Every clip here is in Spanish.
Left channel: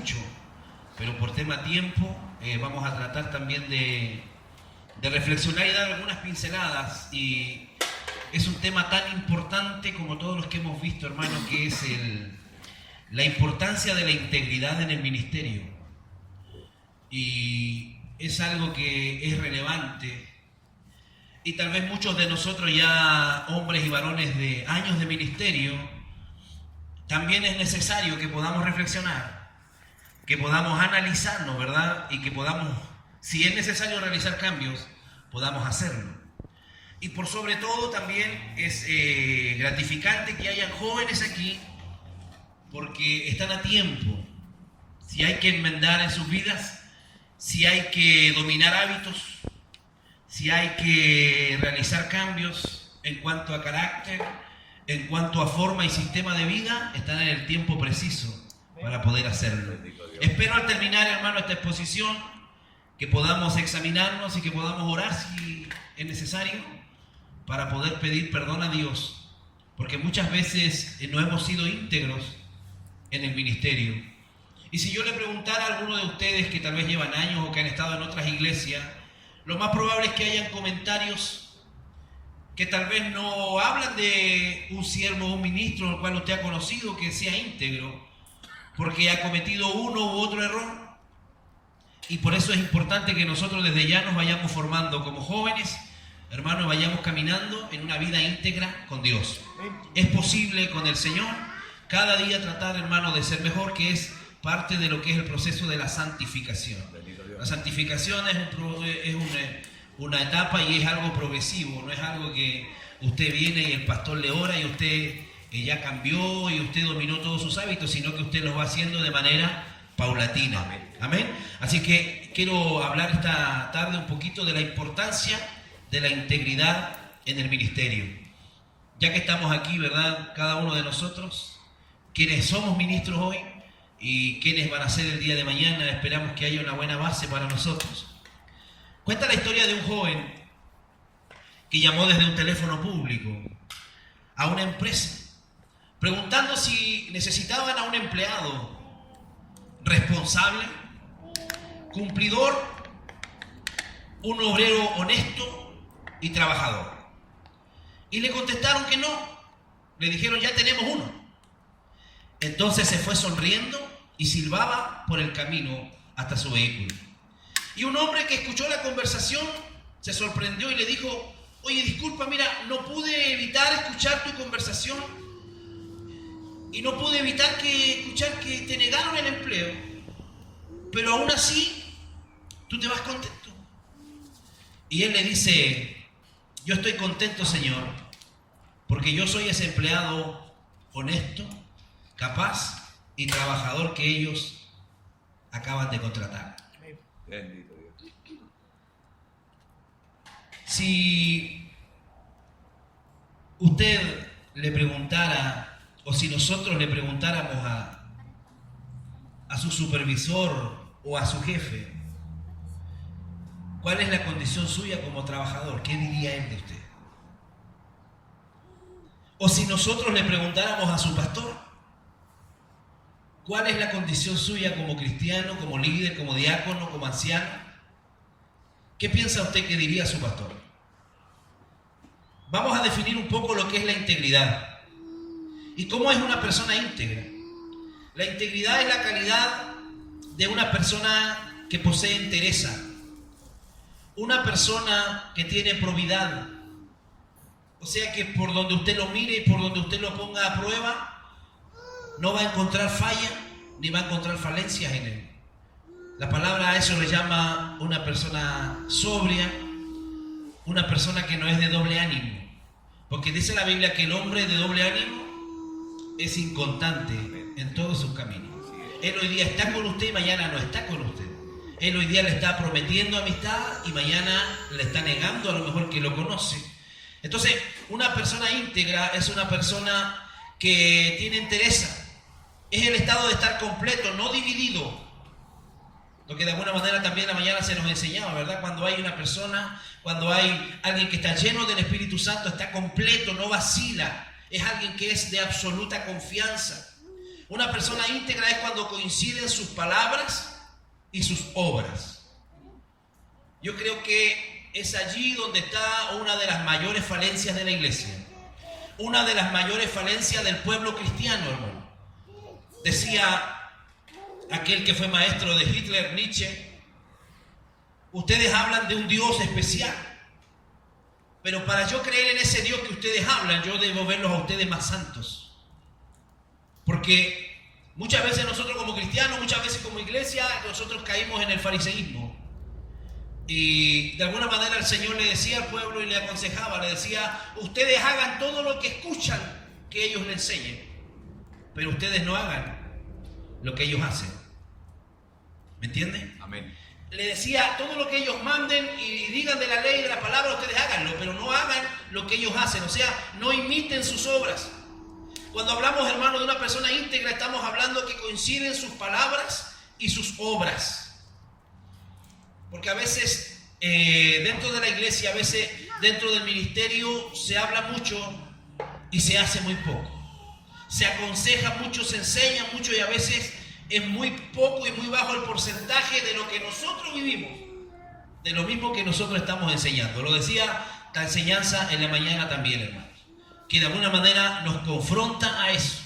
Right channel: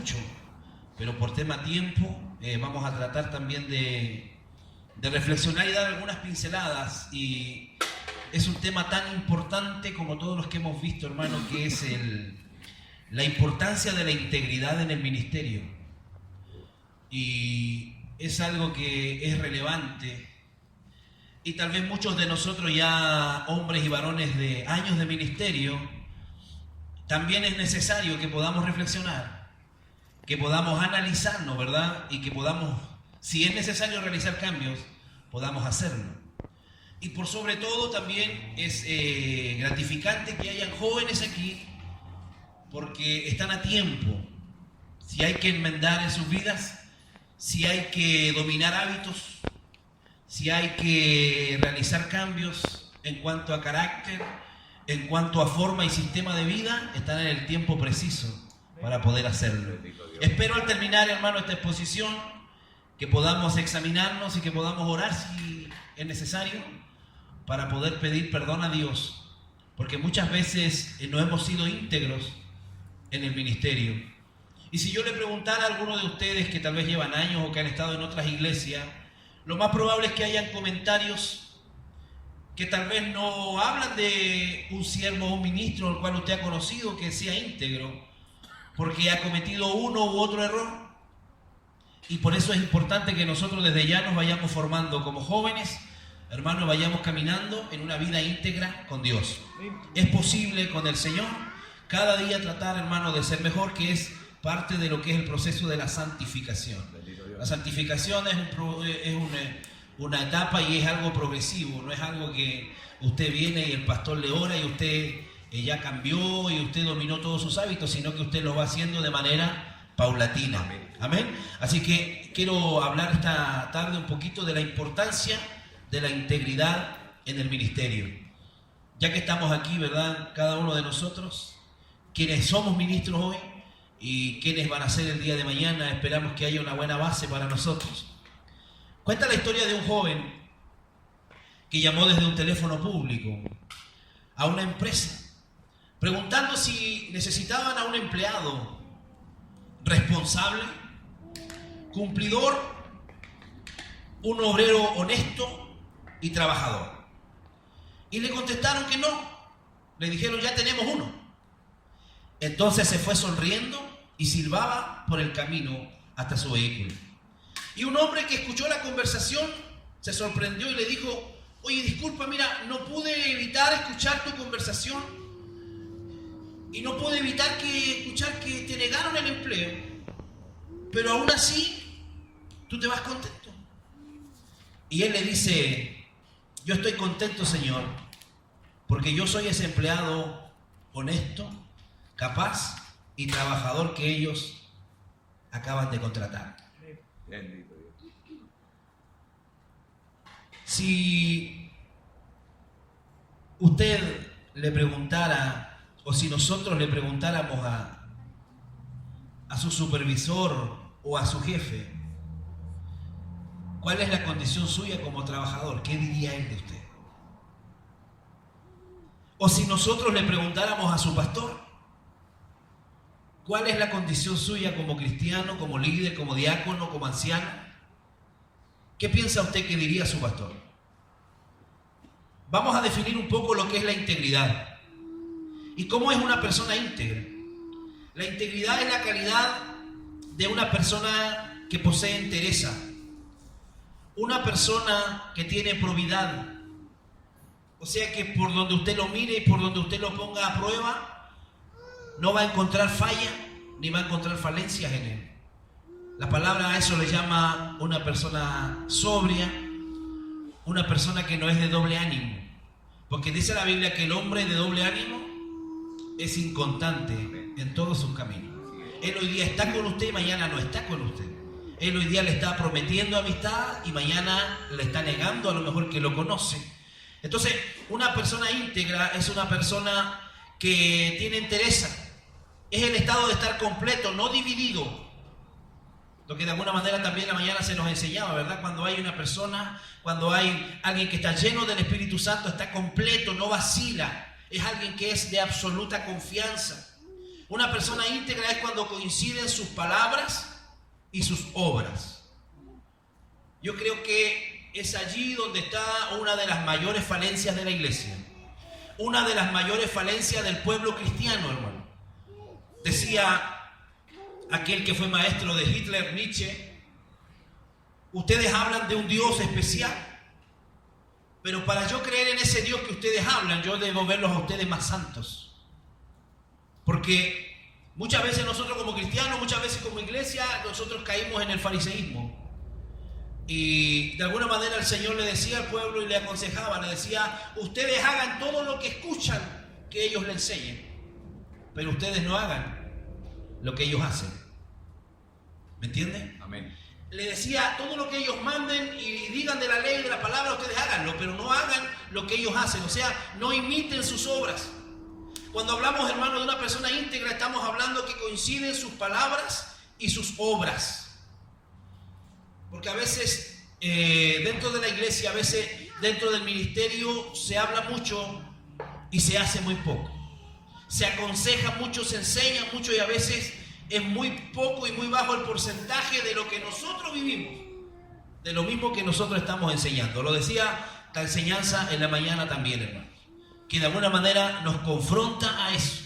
mucho, pero por tema tiempo vamos a tratar también de reflexionar y dar algunas pinceladas. Y es un tema tan importante como todos los que hemos visto, hermano, que es la importancia de la integridad en el ministerio. Y es algo que es relevante. Y tal vez muchos de nosotros ya, hombres y varones de años de ministerio, también es necesario que podamos reflexionar, que podamos analizarnos, ¿verdad? Y que podamos, si es necesario realizar cambios, podamos hacerlo. Y por sobre todo también es gratificante que hayan jóvenes aquí, porque están a tiempo. Si hay que enmendar en sus vidas, si hay que dominar hábitos, si hay que realizar cambios en cuanto a carácter, en cuanto a forma y sistema de vida, están en el tiempo preciso para poder hacerlo. Espero al terminar, hermano, esta exposición, que podamos examinarnos y que podamos orar si es necesario para poder pedir perdón a Dios, porque muchas veces no hemos sido íntegros en el ministerio. Y si yo le preguntara a alguno de ustedes que tal vez llevan años o que han estado en otras iglesias, lo más probable es que hayan comentarios que tal vez no hablan de un siervo o un ministro al cual usted ha conocido que sea íntegro, porque ha cometido uno u otro error. Y por eso es importante que nosotros desde ya nos vayamos formando como jóvenes, hermanos, vayamos caminando en una vida íntegra con Dios. Es posible con el Señor cada día tratar, hermano, de ser mejor, que es parte de lo que es el proceso de la santificación. La santificación es una etapa y es algo progresivo, no es algo que usted viene y el pastor le ora y usted ya cambió y usted dominó todos sus hábitos, sino que usted lo va haciendo de manera paulatina. Amén. Amén. Así que quiero hablar esta tarde un poquito de la importancia de la integridad en el ministerio. Ya que estamos aquí, ¿verdad? Cada uno de nosotros, quienes somos ministros hoy y quienes van a ser el día de mañana, esperamos que haya una buena base para nosotros. Cuenta la historia de un joven que llamó desde un teléfono público a una empresa, preguntando si necesitaban a un empleado responsable, cumplidor, un obrero honesto y trabajador. Y le contestaron que no. Le dijeron, ya tenemos uno. Entonces se fue sonriendo y silbaba por el camino hasta su vehículo. Y un hombre que escuchó la conversación se sorprendió y le dijo, oye, disculpa, mira, no pude evitar escuchar tu conversación y no pude evitar escuchar que te negaron el empleo, pero aún así tú te vas contento. Y él le dice, yo estoy contento, Señor, porque yo soy ese empleado honesto, capaz y trabajador que ellos acaban de contratar. Bendito Dios. Si usted le preguntara, o si nosotros le preguntáramos a su supervisor o a su jefe, ¿cuál es la condición suya como trabajador? ¿Qué diría él de usted? O si nosotros le preguntáramos a su pastor, ¿cuál es la condición suya como cristiano, como líder, como diácono, como anciano? ¿Qué piensa usted que diría su pastor? Vamos a definir un poco lo que es la integridad. ¿Y cómo es una persona íntegra? La integridad es la calidad de una persona que posee entereza, una persona que tiene probidad. O sea que por donde usted lo mire y por donde usted lo ponga a prueba, no va a encontrar falla ni va a encontrar falencias en él. La palabra a eso le llama una persona sobria, una persona que no es de doble ánimo. Porque dice la Biblia que el hombre de doble ánimo es inconstante en todos sus caminos. Él hoy día está con usted y mañana no está con usted. Él hoy día le está prometiendo amistad y mañana le está negando a lo mejor que lo conoce. Entonces, una persona íntegra es una persona que tiene entereza. Es el estado de estar completo, no dividido. Lo que de alguna manera también la mañana se nos enseñaba, ¿verdad? Cuando hay una persona, cuando hay alguien que está lleno del Espíritu Santo, está completo, no vacila. Es alguien que es de absoluta confianza. Una persona íntegra es cuando coinciden sus palabras y sus obras. Yo creo que es allí donde está una de las mayores falencias de la iglesia. Una de las mayores falencias del pueblo cristiano, hermano. Decía aquel que fue maestro de Hitler, Nietzsche: ustedes hablan de un Dios especial, pero para yo creer en ese Dios que ustedes hablan, yo debo verlos a ustedes más santos. Porque muchas veces nosotros como cristianos, muchas veces como iglesia, nosotros caímos en el fariseísmo. Y de alguna manera el Señor le decía al pueblo y le aconsejaba, le decía: ustedes hagan todo lo que escuchan que ellos le enseñen, pero ustedes no hagan lo que ellos hacen. ¿Me entienden? Amén. Le decía: todo lo que ellos manden y digan de la ley y de la palabra, ustedes háganlo, pero no hagan lo que ellos hacen. O sea, no imiten sus obras. Cuando hablamos, hermano, de una persona íntegra, estamos hablando que coinciden sus palabras y sus obras. Porque a veces dentro de la iglesia, a veces dentro del ministerio se habla mucho y se hace muy poco. Se aconseja mucho, se enseña mucho y a veces es muy poco y muy bajo el porcentaje de lo que nosotros vivimos, de lo mismo que nosotros estamos enseñando. Lo decía la enseñanza en la mañana también, hermano, que de alguna manera nos confronta a eso,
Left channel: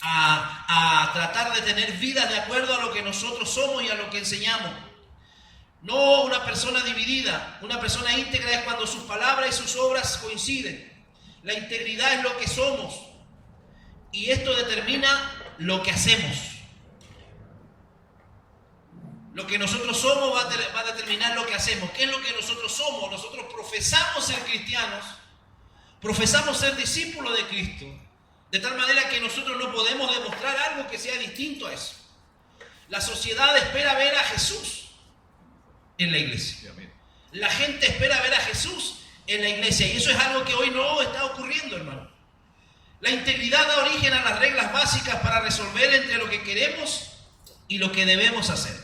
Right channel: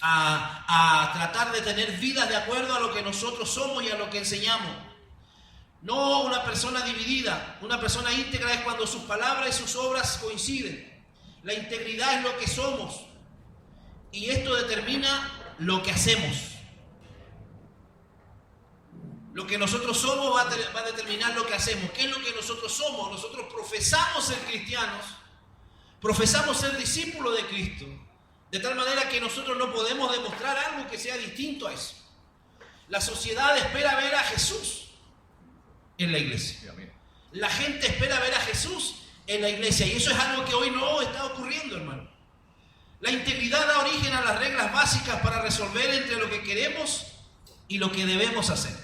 a tratar de tener vidas de acuerdo a lo que nosotros somos y a lo que enseñamos. No una persona dividida. Una persona íntegra es cuando sus palabras y sus obras coinciden. La integridad es lo que somos y esto determina lo que hacemos. Lo que nosotros somos va a determinar lo que hacemos. ¿Qué es lo que nosotros somos? Nosotros profesamos ser cristianos, profesamos ser discípulos de Cristo, de tal manera que nosotros no podemos demostrar algo que sea distinto a eso. La sociedad espera ver a Jesús en la iglesia. La gente espera ver a Jesús en la iglesia y eso es algo que hoy no está ocurriendo, hermano. La integridad da origen a las reglas básicas para resolver entre lo que queremos y lo que debemos hacer.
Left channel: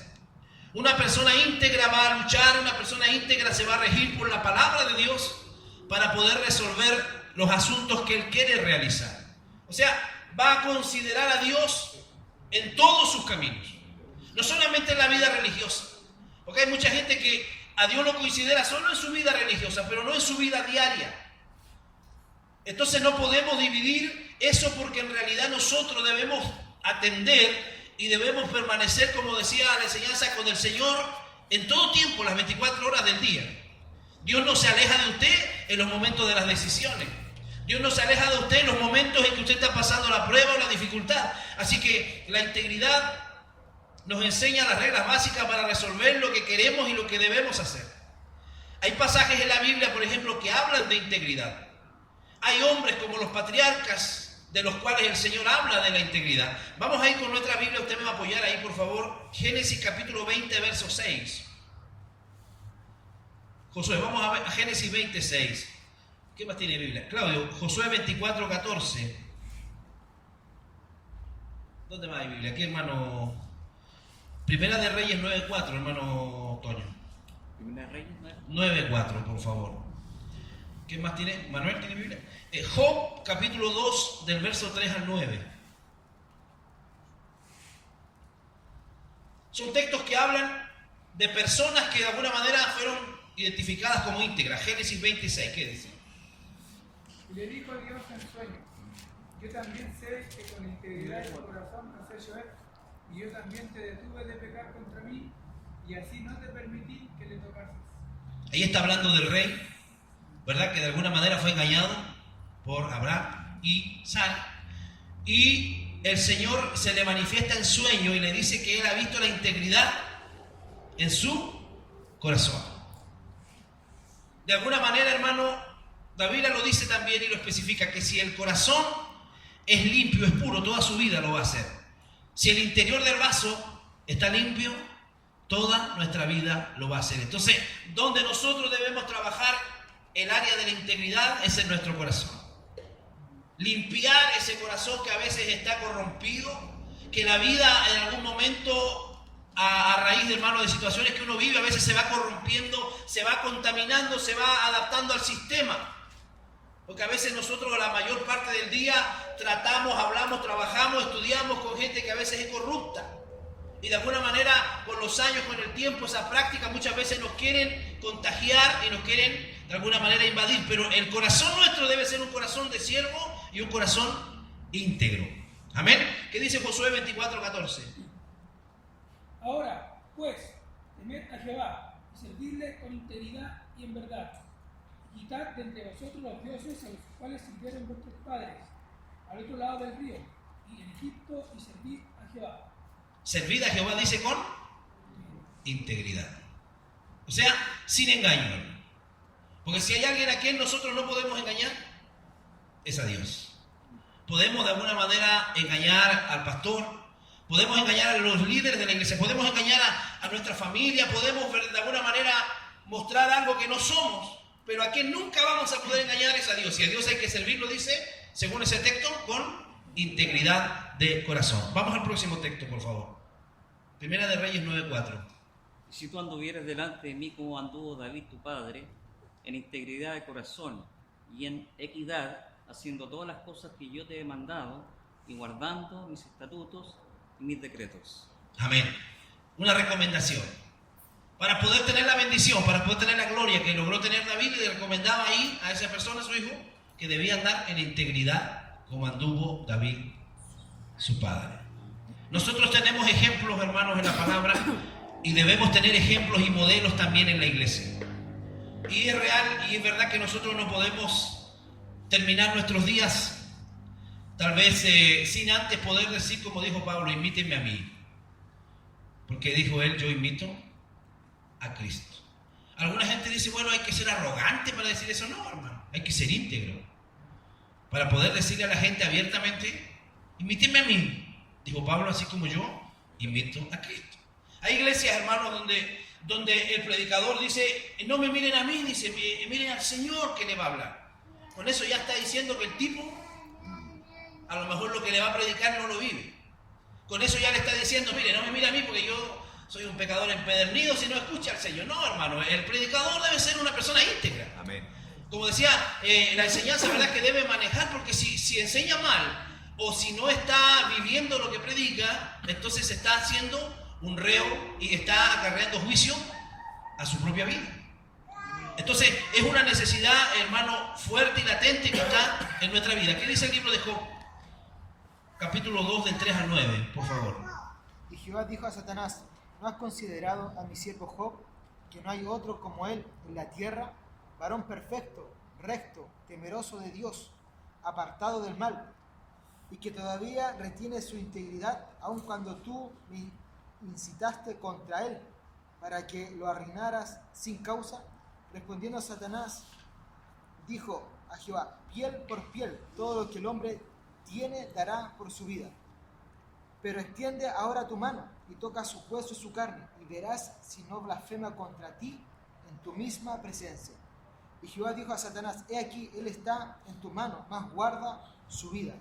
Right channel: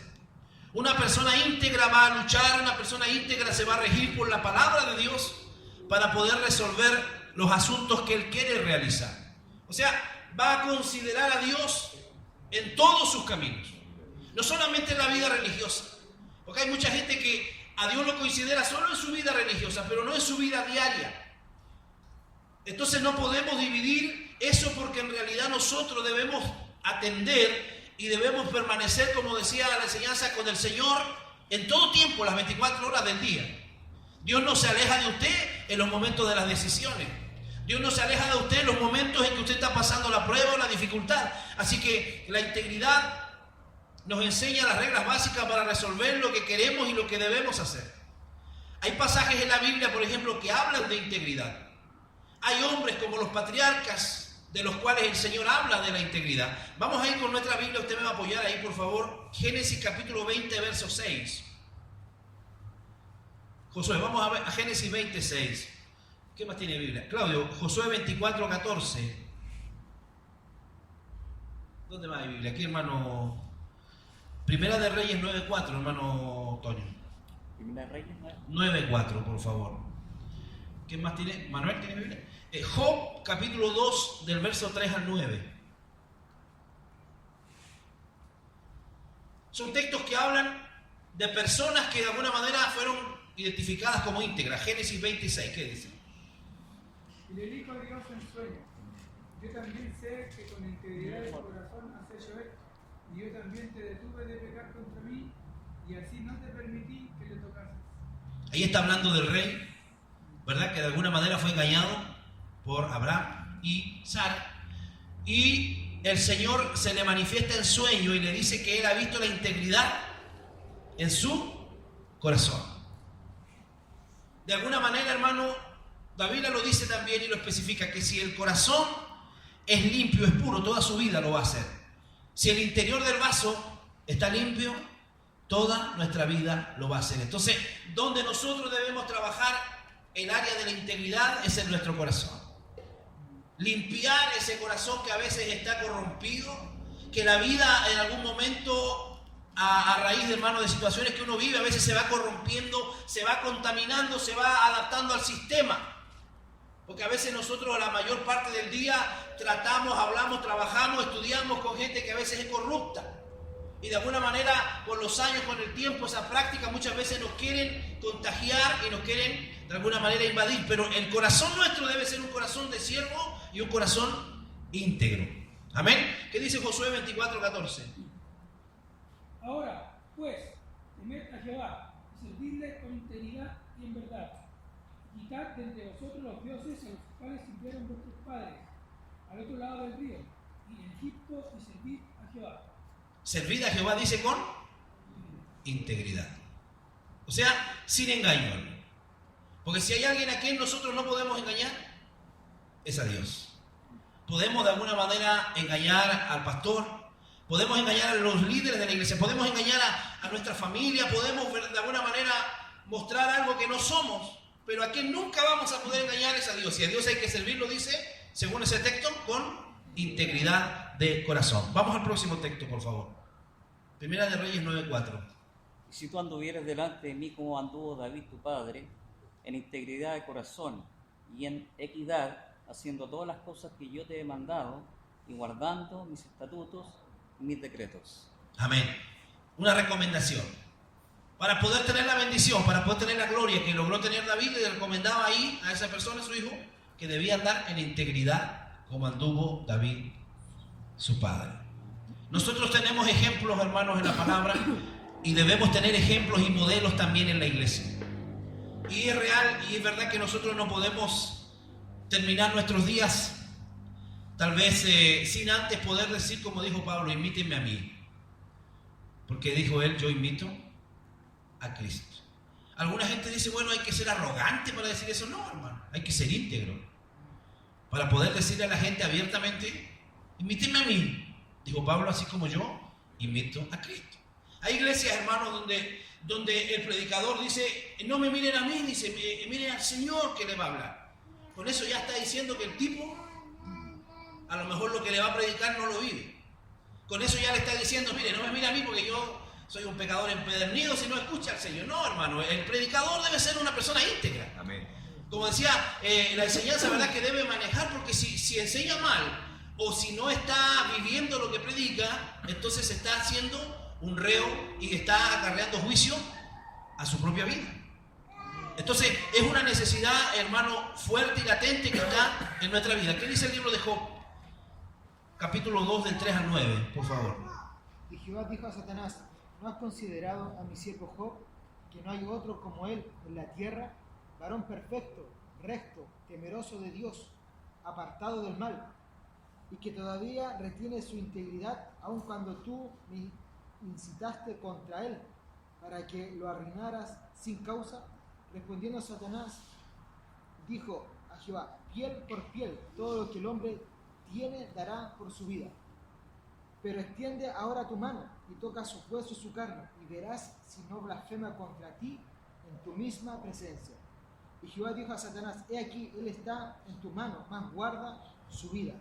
Una persona íntegra va a luchar, una persona íntegra se va a regir por la palabra de Dios para poder resolver los asuntos que él quiere realizar. O sea, va a considerar a Dios en todos sus caminos, no solamente en la vida religiosa. Porque hay mucha gente que a Dios lo considera solo en su vida religiosa, pero no en su vida diaria. Entonces no podemos dividir eso porque en realidad nosotros debemos atender y debemos permanecer, como decía la enseñanza, con el Señor en todo tiempo, las 24 horas del día. Dios no se aleja de usted en los momentos de las decisiones. Dios no se aleja de usted en los momentos en que usted está pasando la prueba o la dificultad. Así que la integridad nos enseña las reglas básicas para resolver lo que queremos y lo que debemos hacer. Hay pasajes en la Biblia, por ejemplo, que hablan de integridad. Hay hombres como los patriarcas de los cuales el Señor habla de la integridad. Vamos a ir con nuestra Biblia, usted me va a apoyar ahí, por favor. Génesis capítulo 20, verso 6. Josué, vamos a ver a Génesis 26. ¿Qué más tiene Biblia? Claudio, Josué 24, 14. ¿Dónde más hay Biblia? Aquí, hermano. Primera de Reyes 9.4, hermano Toño. Primera de Reyes 9.4, por favor. ¿Qué más tiene? ¿Manuel tiene Biblia? Job, capítulo 2, del verso 3 al 9. Son textos que hablan de personas que de alguna manera fueron identificadas como íntegras. Génesis 26, ¿qué dice? Y le dijo Dios en sueño: yo también sé que con integridad de tu corazón has hecho esto, y yo también te detuve de pecar contra mí, y así no te permití que le tocases. Ahí está hablando del rey, ¿verdad? Que de alguna manera fue engañado por Abraham y Sara. Y el Señor se le manifiesta en sueño y le dice que él ha visto la integridad en su corazón. De alguna manera, hermano, la Biblia lo dice también y lo especifica, que si el corazón es limpio, es puro, toda su vida lo va a hacer. Si el interior del vaso está limpio, toda nuestra vida lo va a hacer. Entonces, donde nosotros debemos trabajar el área de la integridad es en nuestro corazón. Limpiar ese corazón que a veces está corrompido, que la vida en algún momento, a raíz de, hermano, de situaciones que uno vive, a veces se va corrompiendo, se va contaminando, se va adaptando al sistema. Porque a veces nosotros la mayor parte del día tratamos, hablamos, trabajamos, estudiamos con gente que a veces es corrupta. Y de alguna manera, con los años, con el tiempo, esa práctica muchas veces nos quieren contagiar y nos quieren de alguna manera invadir. Pero el corazón nuestro debe ser un corazón de siervo y un corazón íntegro. Amén. ¿Qué dice Josué 24:14? Ahora, pues, temed a Jehová y servidle con integridad y en verdad. Quitad de entre vosotros los dioses a los cuales sirvieron vuestros padres, al otro lado del río, y en Egipto, y servid a Jehová. Servid a Jehová, dice, con integridad. O sea, sin engaño. Porque si hay alguien a quien nosotros no podemos engañar, es a Dios. Podemos de alguna manera engañar al pastor, podemos engañar a los líderes de la iglesia, podemos engañar a nuestra familia, podemos de alguna manera mostrar algo que no somos, pero a quien nunca vamos a poder engañar es a Dios. Y a Dios hay que servirlo, dice, según ese texto, con integridad de corazón. Vamos al próximo texto, por favor. Primera de Reyes 9:4. Si tú anduvieras delante de mí como anduvo David tu padre, en integridad de corazón y en equidad, haciendo todas las cosas que yo te he mandado y guardando mis estatutos y mis decretos. Amén. Una recomendación. Para poder tener la bendición, para poder tener la gloria que logró tener David, le recomendaba ahí a esa persona, a su hijo, que debía andar en integridad como anduvo David, su padre. Nosotros tenemos ejemplos, hermanos, en la palabra, y debemos tener ejemplos y modelos también en la iglesia. Y es real y es verdad que nosotros no podemos terminar nuestros días tal vez sin antes poder decir, como dijo Pablo, imítenme a mí. Porque dijo él, yo imito a Cristo. Alguna gente dice, bueno, hay que ser arrogante para decir eso. No, hermano, hay que ser íntegro. Para poder decirle a la gente abiertamente, imítenme a mí. Dijo Pablo, así como yo imito a Cristo. Hay iglesias, hermanos, donde el predicador dice, no me miren a mí, dice, miren al Señor que le va a hablar. Con eso ya está diciendo que el tipo, a lo mejor lo que le va a predicar no lo vive. Con eso ya le está diciendo, mire, no me mire a mí porque yo soy un pecador empedernido si no escucha al Señor. No, hermano, el predicador debe ser una persona íntegra. Amén. Como decía, la enseñanza, ¿verdad?, que debe manejar, porque si enseña mal o si no está viviendo lo que predica, entonces está haciendo un reo y está acarreando juicio a su propia vida. Entonces es una necesidad, hermano, fuerte y latente que está en nuestra vida. ¿Qué dice el libro de Job? Capítulo 2, del 3 al 9, por favor. Y Jehová dijo a Satanás, ¿no has considerado a mi siervo Job, que no hay otro como él en la tierra, varón perfecto, recto, temeroso de Dios, apartado del mal, y que todavía retiene su integridad, aun cuando tú me incitaste contra él, para que lo arruinaras sin causa? Respondiendo Satanás, dijo a Jehová, piel por piel, todo lo que el hombre tiene dará por su vida. Pero extiende ahora tu mano y toca su hueso y su carne, y verás si no blasfema contra ti en tu misma presencia. Y Jehová dijo a Satanás, he aquí, él está en tu mano, mas guarda su vida.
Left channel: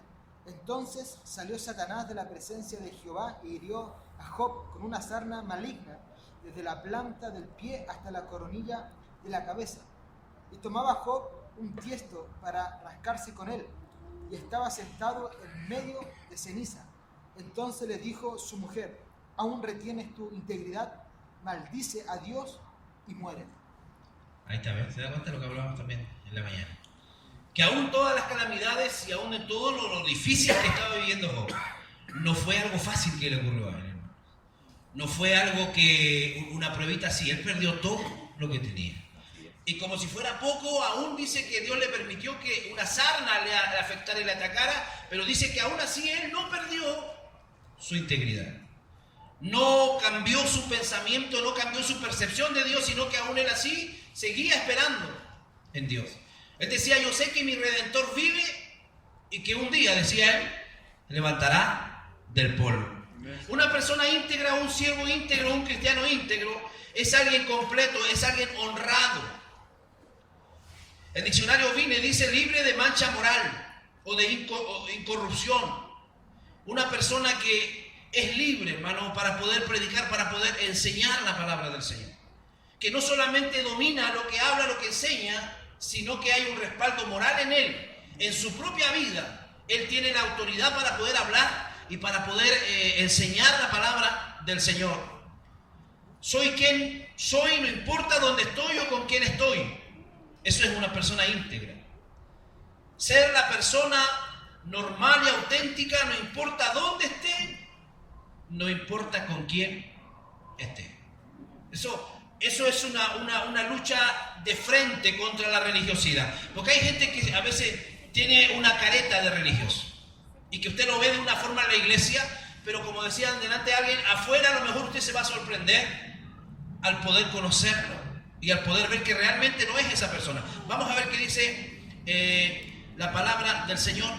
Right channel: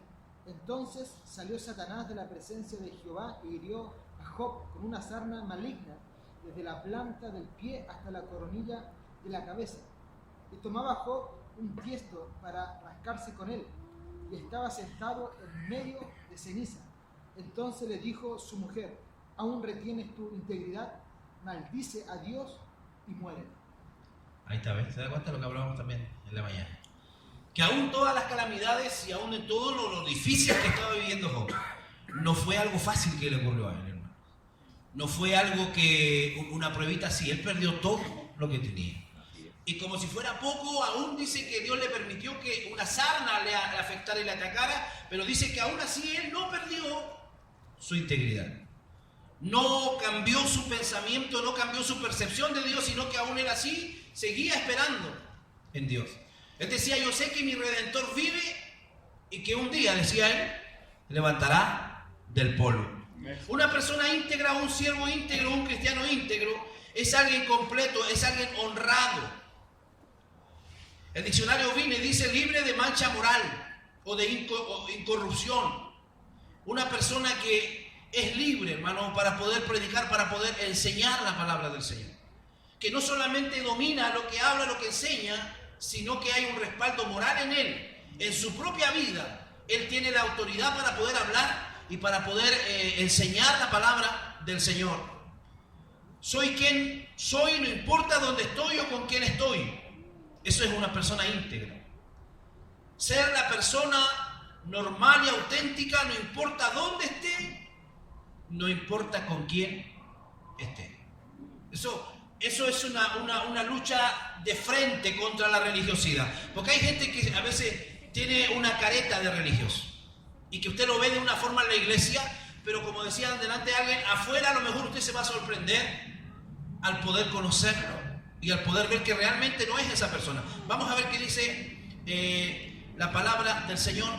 Entonces salió Satanás de la presencia de Jehová y hirió a Job con una sarna maligna, desde la planta del pie hasta la coronilla de la cabeza. Y tomaba Job un tiesto para rascarse con él, y estaba sentado en medio de ceniza. Entonces le dijo su mujer, ¿aún retienes tu integridad? Maldice a Dios y muere. Ahí está, ¿ves? ¿Se da cuenta de lo que hablábamos también en la mañana? Que aún todas las calamidades y aún en todo lo difícil que estaba viviendo Job, no fue algo fácil que le ocurrió a él, hermano. No fue algo que una pruebita así, él perdió todo lo que tenía. Y como si fuera poco, aún dice que Dios le permitió que una sarna le afectara y le atacara, pero dice que aún así él no perdió su integridad. No cambió su pensamiento, no cambió su percepción de Dios, sino que aún él así seguía esperando en Dios. Él decía, yo sé que mi Redentor vive y que un día, decía él, levantará del polvo. Una persona íntegra, un siervo íntegro, un cristiano íntegro, es alguien completo, es alguien honrado. El diccionario Vine dice libre de mancha moral o de incorrupción. Una persona que es libre, hermano, para poder predicar, para poder enseñar la palabra del Señor. Que no solamente domina lo que habla, lo que enseña, sino que hay un respaldo moral en él, en su propia vida. Él tiene la autoridad para poder hablar y para poder enseñar la palabra del Señor. Soy quien soy, no importa dónde estoy o con quién estoy. Eso es una persona íntegra. Ser la persona normal y auténtica, no importa dónde esté, no importa con quién esté. Eso es una lucha de frente contra la religiosidad. Porque hay gente que a veces tiene una careta de religioso y que usted lo ve de una forma en la iglesia, pero como decía delante alguien, afuera a lo mejor usted se va a sorprender al poder conocerlo y al poder ver que realmente no es esa persona. Vamos a ver qué dice la palabra del Señor,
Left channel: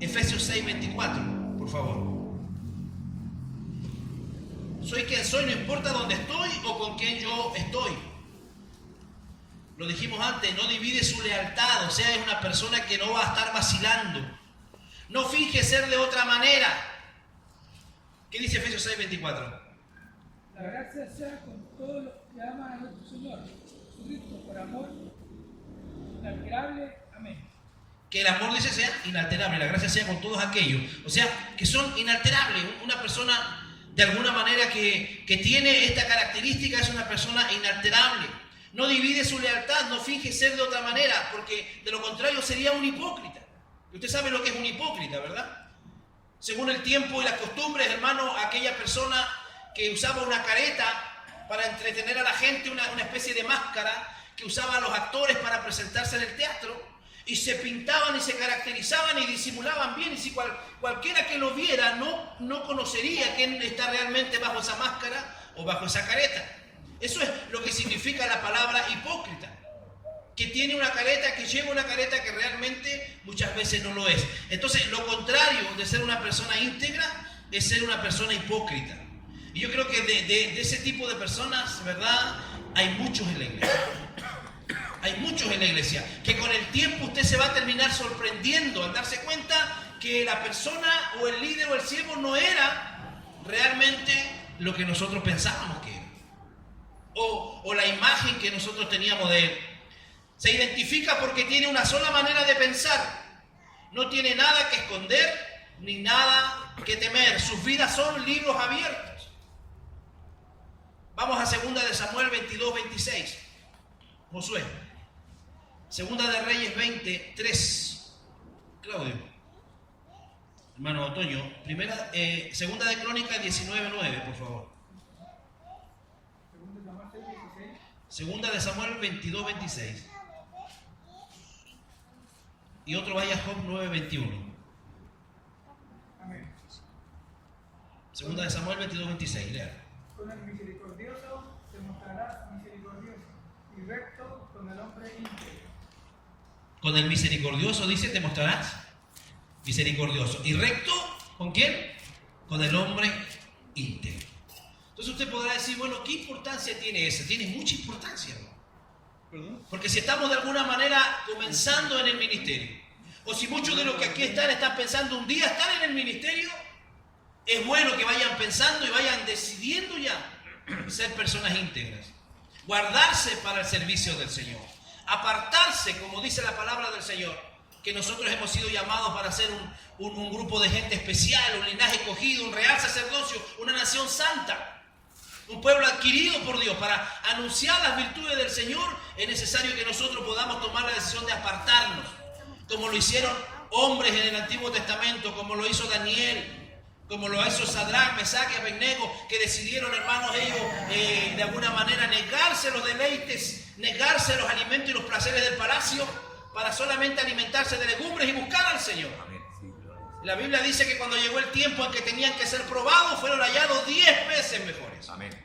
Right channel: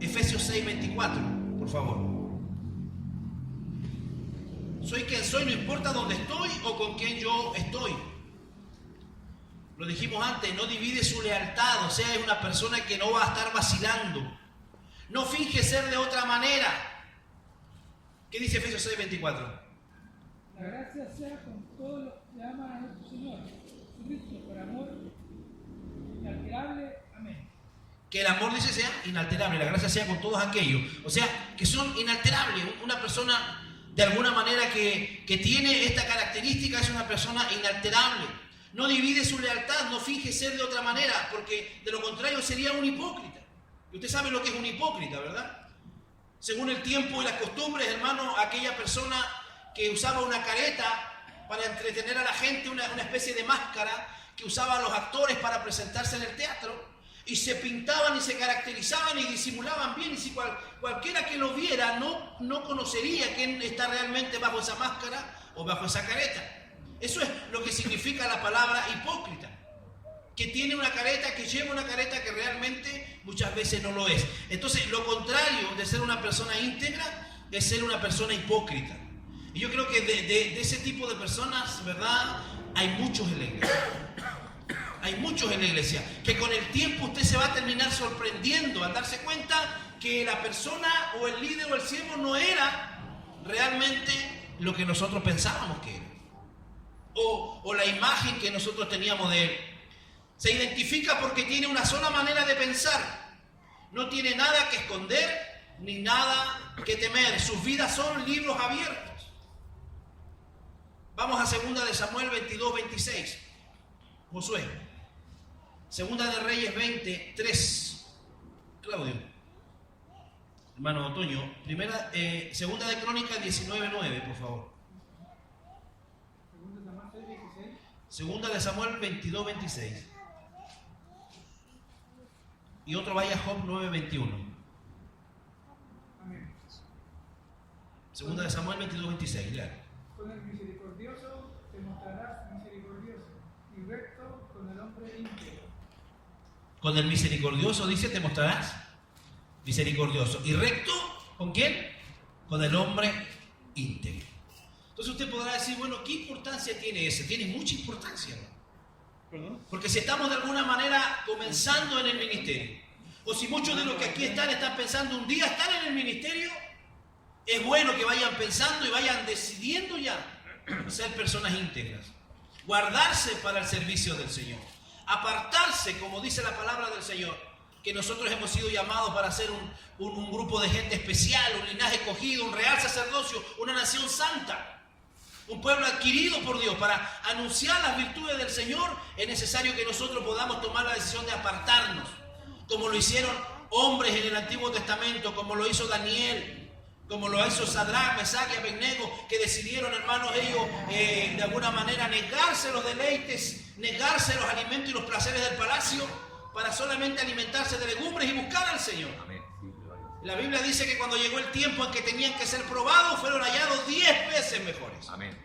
Efesios 6:24, por favor. Soy quien soy, no importa dónde estoy o con quién yo estoy. Lo dijimos antes, no divide su lealtad, o sea, es una persona que no va a estar vacilando. No finge ser de otra manera. ¿Qué dice Efesios 6:24? La gracia sea con todos los que aman a nuestro Señor, Cristo, por amor inalterable. Amén. Que el amor, dice, sea inalterable, la gracia sea con todos aquellos, o sea, que son inalterables. Una persona de alguna manera que tiene esta característica es una persona inalterable. No divide su lealtad, no finge ser de otra manera, porque de lo contrario sería un hipócrita. Y usted sabe lo que es un hipócrita, ¿verdad? Según el tiempo y las costumbres, hermano, aquella persona que usaba una careta para entretener a la gente, una especie de máscara que usaban los actores para presentarse en el teatro, y se pintaban y se caracterizaban y disimulaban bien, y si cualquiera que lo viera no conocería quién está realmente bajo esa máscara o bajo esa careta. Eso es lo que significa la palabra hipócrita, que tiene una careta, que lleva una careta que realmente muchas veces no lo es. Entonces, lo contrario de ser una persona íntegra es ser una persona hipócrita. Y yo creo que de ese tipo de personas, ¿verdad?, hay muchos en la iglesia. Hay muchos en la iglesia que con el tiempo usted se va a terminar sorprendiendo al darse cuenta que la persona o el líder o el siervo no era realmente lo que nosotros pensábamos que era, o la imagen que nosotros teníamos de él. Se identifica porque tiene una sola manera de pensar, no tiene nada que esconder ni nada que temer. Sus vidas son libros abiertos. Vamos a 2 de Samuel 22:26. Josué. 2 de Reyes 20:3. Claudio. Hermano Otoño. 2 de Crónicas 19:9, por favor. 2 de Samuel 22:26. Y otro vaya a Job 9:21. Amén. 2 de Samuel 22:26. Lea. Con el misericordioso te mostrarás misericordioso y recto con el hombre íntegro. Con el misericordioso, dice, te mostrarás misericordioso. ¿Y recto con quién? Con el hombre íntegro. Entonces usted podrá decir, bueno, ¿qué importancia tiene eso? Tiene mucha importancia, ¿no? Porque si estamos de alguna manera comenzando en el ministerio, o si muchos de los que aquí están pensando un día estar en el ministerio, es bueno que vayan pensando y vayan decidiendo ya ser personas íntegras, guardarse para el servicio del Señor, apartarse, como dice la palabra del Señor, que nosotros hemos sido llamados para ser un grupo de gente especial, un linaje escogido, un real sacerdocio, una nación santa, un pueblo adquirido por Dios. Para anunciar las virtudes del Señor es necesario que nosotros podamos tomar la decisión de apartarnos, como lo hicieron hombres en el Antiguo Testamento, como lo hizo Daniel, como lo hizo Sadrach, Mesach y Abednego, que decidieron, hermanos, ellos de alguna manera negarse los deleites, negarse los alimentos y los placeres del palacio para solamente alimentarse de legumbres y buscar al Señor. Amén. Sí, gloria. La Biblia dice que cuando llegó el tiempo en que tenían que ser probados, fueron hallados 10 veces mejores. Amén.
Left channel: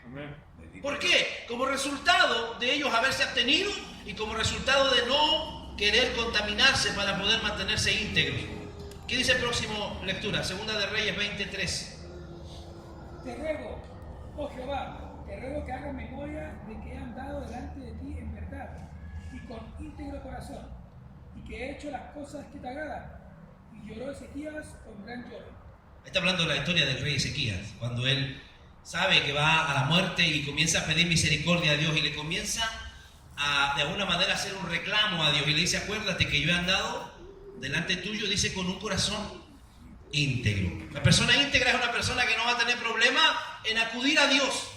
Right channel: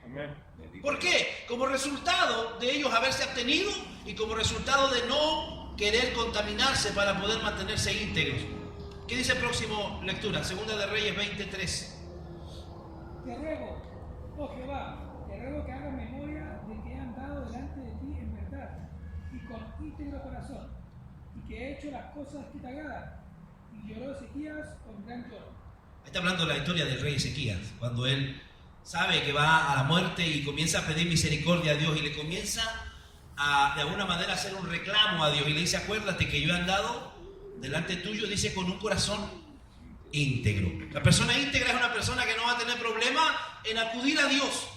Bendito ¿Por Dios. qué? Como resultado de ellos haberse abstenido y como resultado de no querer contaminarse para poder mantenerse íntegros. ¿Qué dice el próximo lectura? 2 de Reyes 20:3. Te ruego, oh Jehová, te ruego que hagas memoria de que he andado delante de ti en verdad y con íntegro corazón, y que he hecho las cosas que te agradan. Y lloró Ezequías con gran lloro. Está hablando de la historia del rey Ezequías, cuando él sabe que va a la muerte y comienza a pedir misericordia a Dios y le comienza de alguna manera hacer un reclamo a Dios y le dice, acuérdate que yo he andado delante tuyo, dice, con un corazón íntegro. La persona íntegra es una persona que no va a tener problema en acudir a Dios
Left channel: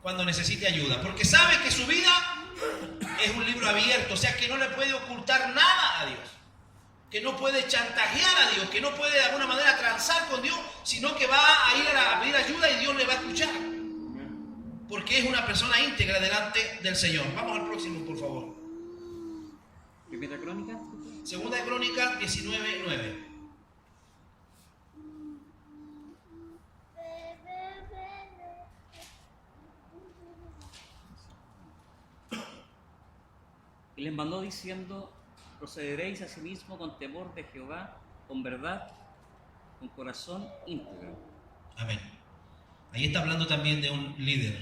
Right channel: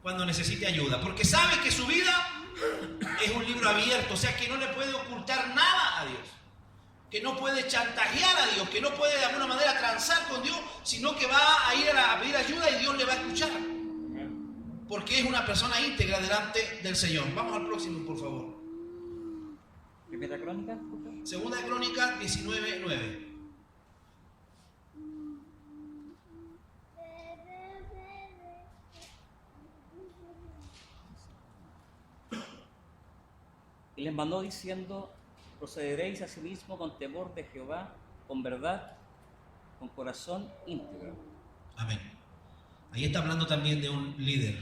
cuando necesite ayuda, porque sabe que su vida es un libro abierto, o sea que no le puede ocultar nada a Dios, que no puede chantajear a Dios, que no puede de alguna manera transar con Dios, sino que va a ir a pedir ayuda y Dios le va a escuchar, porque es una persona íntegra delante del Señor. Vamos al próximo, por favor. Primera Crónica. Segunda de Crónicas 19:9. Y les mandó diciendo, procederéis asimismo con temor de Jehová, con verdad, con corazón íntegro. Amén. Ahí está hablando también de un líder,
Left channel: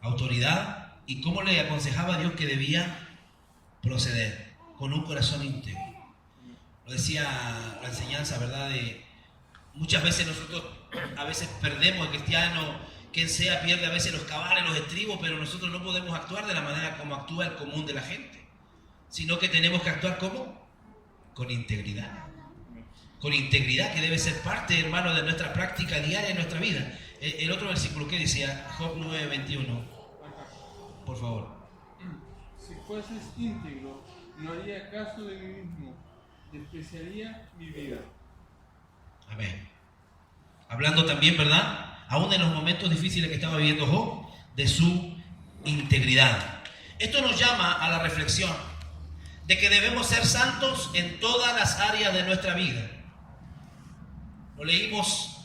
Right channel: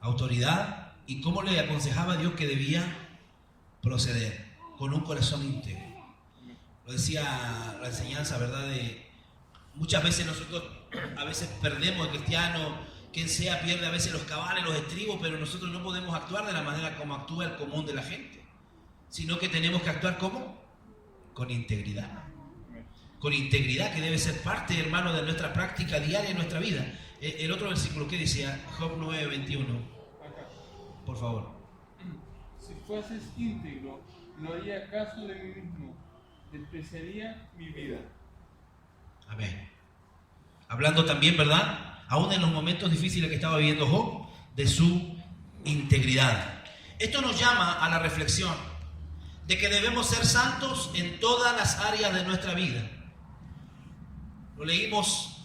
autoridad, y cómo le aconsejaba a Dios que debía proceder, con un corazón íntegro. Lo decía la enseñanza, ¿verdad? Muchas veces nosotros a veces perdemos, el cristiano, quien sea, pierde a veces los cabales, los estribos, pero nosotros no podemos actuar de la manera como actúa el común de la gente, sino que tenemos que actuar ¿cómo? Con integridad. Con integridad, que debe ser parte, hermano, de nuestra práctica diaria en nuestra vida. El otro versículo que decía, Job 9:21, por favor. Si fueses íntegro, no haría caso de mí mismo, despreciaría mi vida. Amén. Hablando también, ¿verdad? Aún en los momentos difíciles que estaba viviendo Job, de su integridad. Esto nos llama a la reflexión de que debemos ser santos en todas las áreas de nuestra vida. Lo leímos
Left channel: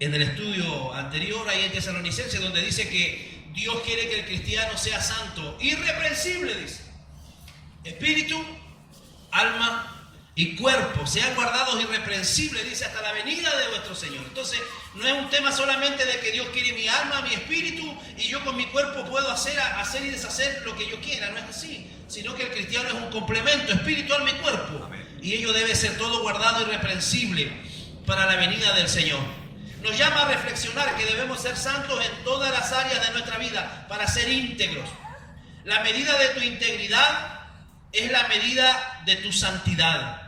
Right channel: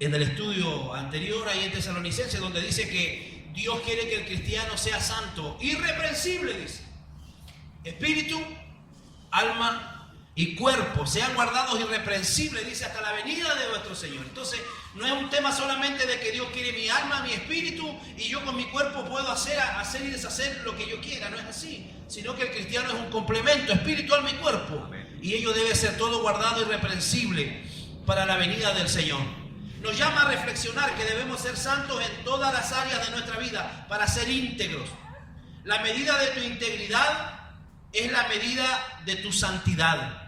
en el estudio anterior, ahí en Tesalonicenses, donde dice que Dios quiere que el cristiano sea santo, irreprensible, dice. Espíritu, alma y cuerpo sean guardados irreprensibles, dice, hasta la venida de nuestro Señor. Entonces, no es un tema solamente de que Dios quiere mi alma, mi espíritu, y yo con mi cuerpo puedo hacer y deshacer lo que yo quiera. No es así, sino que el cristiano es un complemento, espíritu, alma y cuerpo. Y ello debe ser todo guardado irreprensible para la venida del Señor. Nos llama a reflexionar que debemos ser santos en todas las áreas de nuestra vida para ser íntegros. La medida de tu integridad es la medida de tu santidad.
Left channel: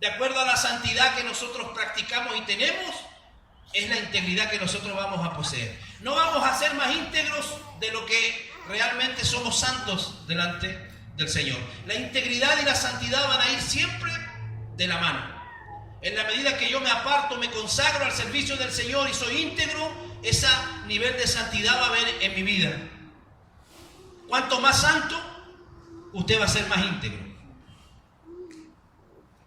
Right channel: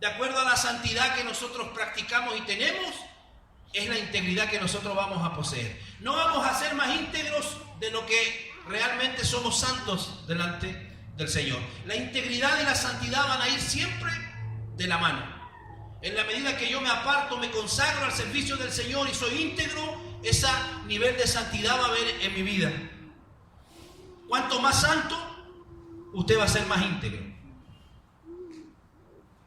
De acuerdo a la santidad que nosotros practicamos y tenemos, es la integridad que nosotros vamos a poseer. No vamos a ser más íntegros de lo que realmente somos santos delante del Señor. La integridad y la santidad van a ir siempre de la mano. En la medida que yo me aparto, me consagro al servicio del Señor y soy íntegro, ese nivel de santidad va a haber en mi vida. Cuanto más santo, usted va a ser más íntegro.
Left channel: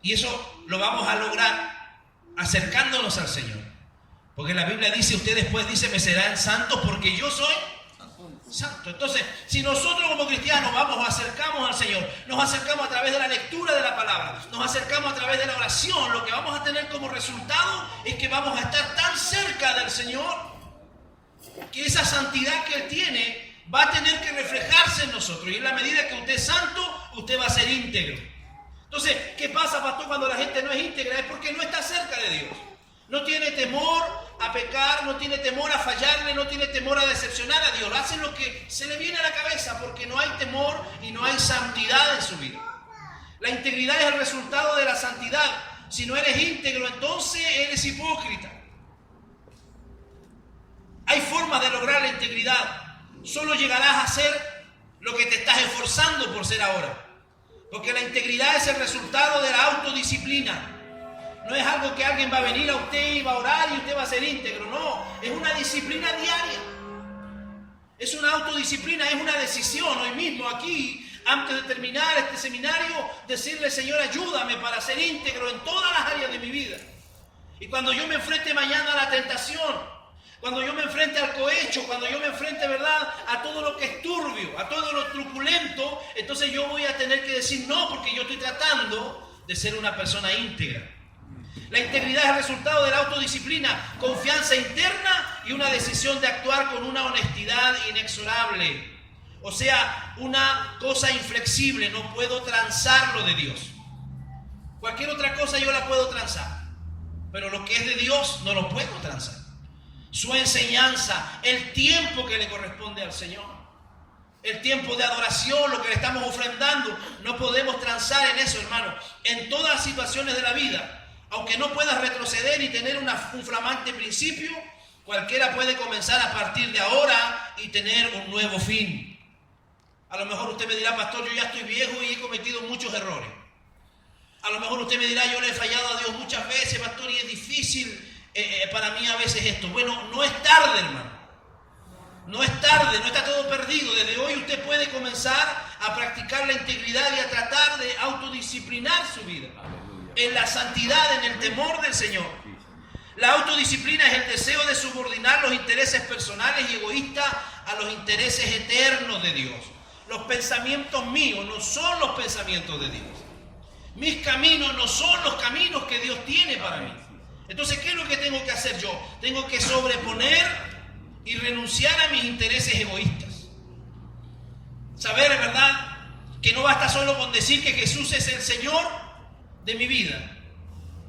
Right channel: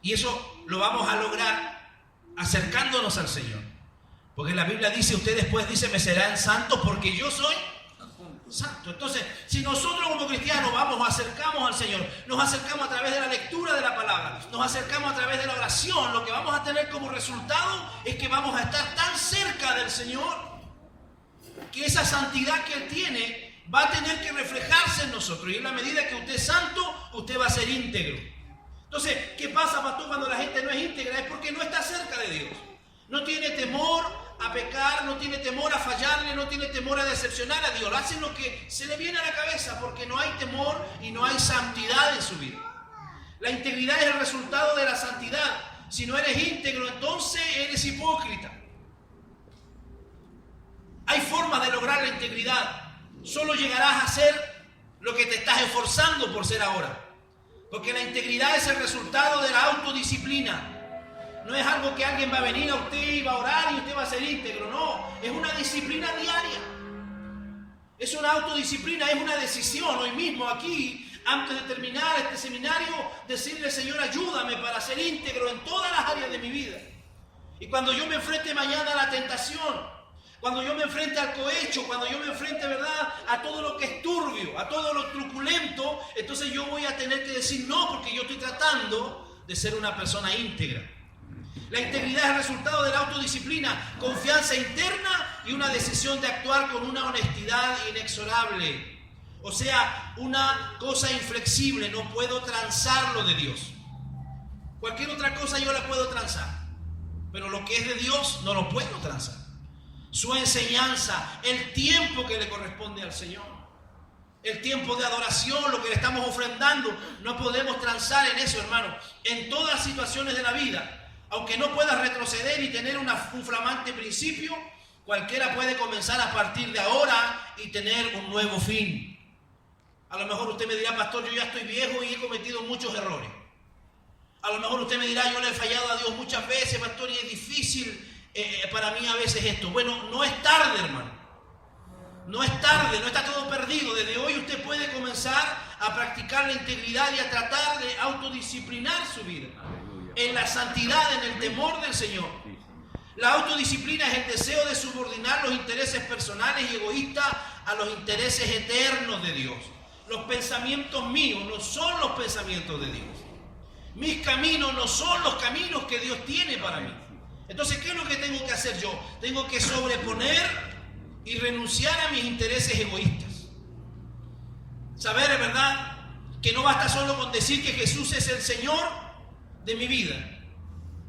Y eso lo vamos a lograr acercándonos al Señor. Porque la Biblia dice, usted después dice, me serán santos porque yo soy santo. Entonces, si nosotros como cristianos acercamos al Señor, nos acercamos a través de la lectura de la palabra, nos acercamos a través de la oración, lo que vamos a tener como resultado es que vamos a estar tan cerca del Señor que esa santidad que Él tiene va a tener que reflejarse en nosotros. Y en la medida que usted es santo, usted va a ser íntegro. Entonces, ¿qué pasa, pastor, cuando la gente no es íntegra? Es porque no está cerca de Dios. No tiene temor a pecar, no tiene temor a fallarle, no tiene temor a decepcionar a Dios. Hacen lo que se le viene a la cabeza porque no hay temor y no hay santidad en su vida. La integridad es el resultado de la santidad. Si no eres íntegro, entonces eres hipócrita. Hay formas de lograr la integridad. Solo llegarás a ser lo que te estás esforzando por ser ahora. Porque la integridad es el resultado de la autodisciplina. No es algo que alguien va a venir a usted y va a orar y usted va a ser íntegro. No, es una disciplina diaria. Es una autodisciplina, es una decisión. Hoy mismo aquí, antes de terminar este seminario, decirle, Señor, ayúdame para ser íntegro en todas las áreas de mi vida. Y cuando yo me enfrente mañana a la tentación, cuando yo me enfrente al cohecho, cuando yo me enfrente, ¿verdad?, a todo lo que es turbio, a todo lo truculento, entonces yo voy a tener que decir no, porque yo estoy tratando de ser una persona íntegra. La integridad es el resultado de la autodisciplina, confianza interna y una decisión de actuar con una honestidad inexorable. O sea, una cosa inflexible, no puedo transar lo de Dios. Cualquier otra cosa yo la puedo transar, pero lo que es de Dios no lo puedo transar. Su enseñanza, el tiempo que le corresponde al Señor. el tiempo de adoración, lo que le estamos ofrendando. No podemos transar en eso, hermano. En todas las situaciones de la vida, aunque no puedas retroceder y tener un flamante principio, cualquiera puede comenzar a partir de ahora y tener un nuevo fin. A lo mejor usted me dirá, pastor, yo ya estoy viejo y he cometido muchos errores. A lo mejor usted me dirá, yo le he fallado a Dios muchas veces, pastor, y es difícil para mí a veces esto. Bueno, no es tarde, hermano. No es tarde, no está todo perdido. Desde hoy usted puede comenzar a practicar la integridad y a tratar de autodisciplinar su vida. Aleluya. En la santidad, en el temor del Señor. Sí, Señor. La autodisciplina es el deseo de subordinar los intereses personales y egoístas a los intereses eternos de Dios. Los pensamientos míos no son los pensamientos de Dios. Mis caminos no son los caminos que Dios tiene para mí. Entonces, ¿qué es lo que tengo que hacer yo? Tengo que sobreponer y renunciar a mis intereses egoístas. Saber, ¿verdad?, que no basta solo con decir que Jesús es el Señor de mi vida,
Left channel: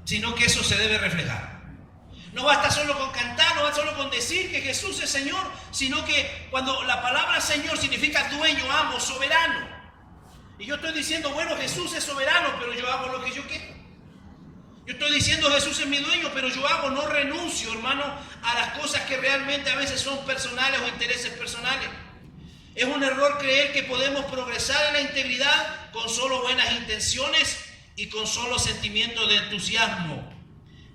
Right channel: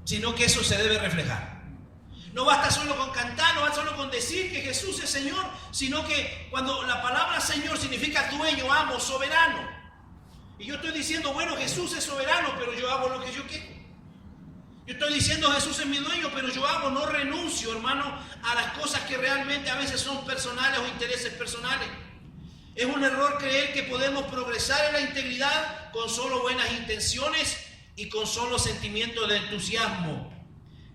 sino que eso se debe reflejar. No basta solo con cantar, no basta solo con decir que Jesús es Señor, sino que cuando la palabra Señor significa dueño, amo, soberano. Y yo estoy diciendo, bueno, Jesús es soberano, pero yo hago lo que yo quiero. Yo estoy diciendo, Jesús es mi dueño, pero yo hago, no renuncio, hermano, a las cosas que realmente a veces son personales o intereses personales. Es un error creer que podemos progresar en la integridad con solo buenas intenciones y con solo sentimientos de entusiasmo.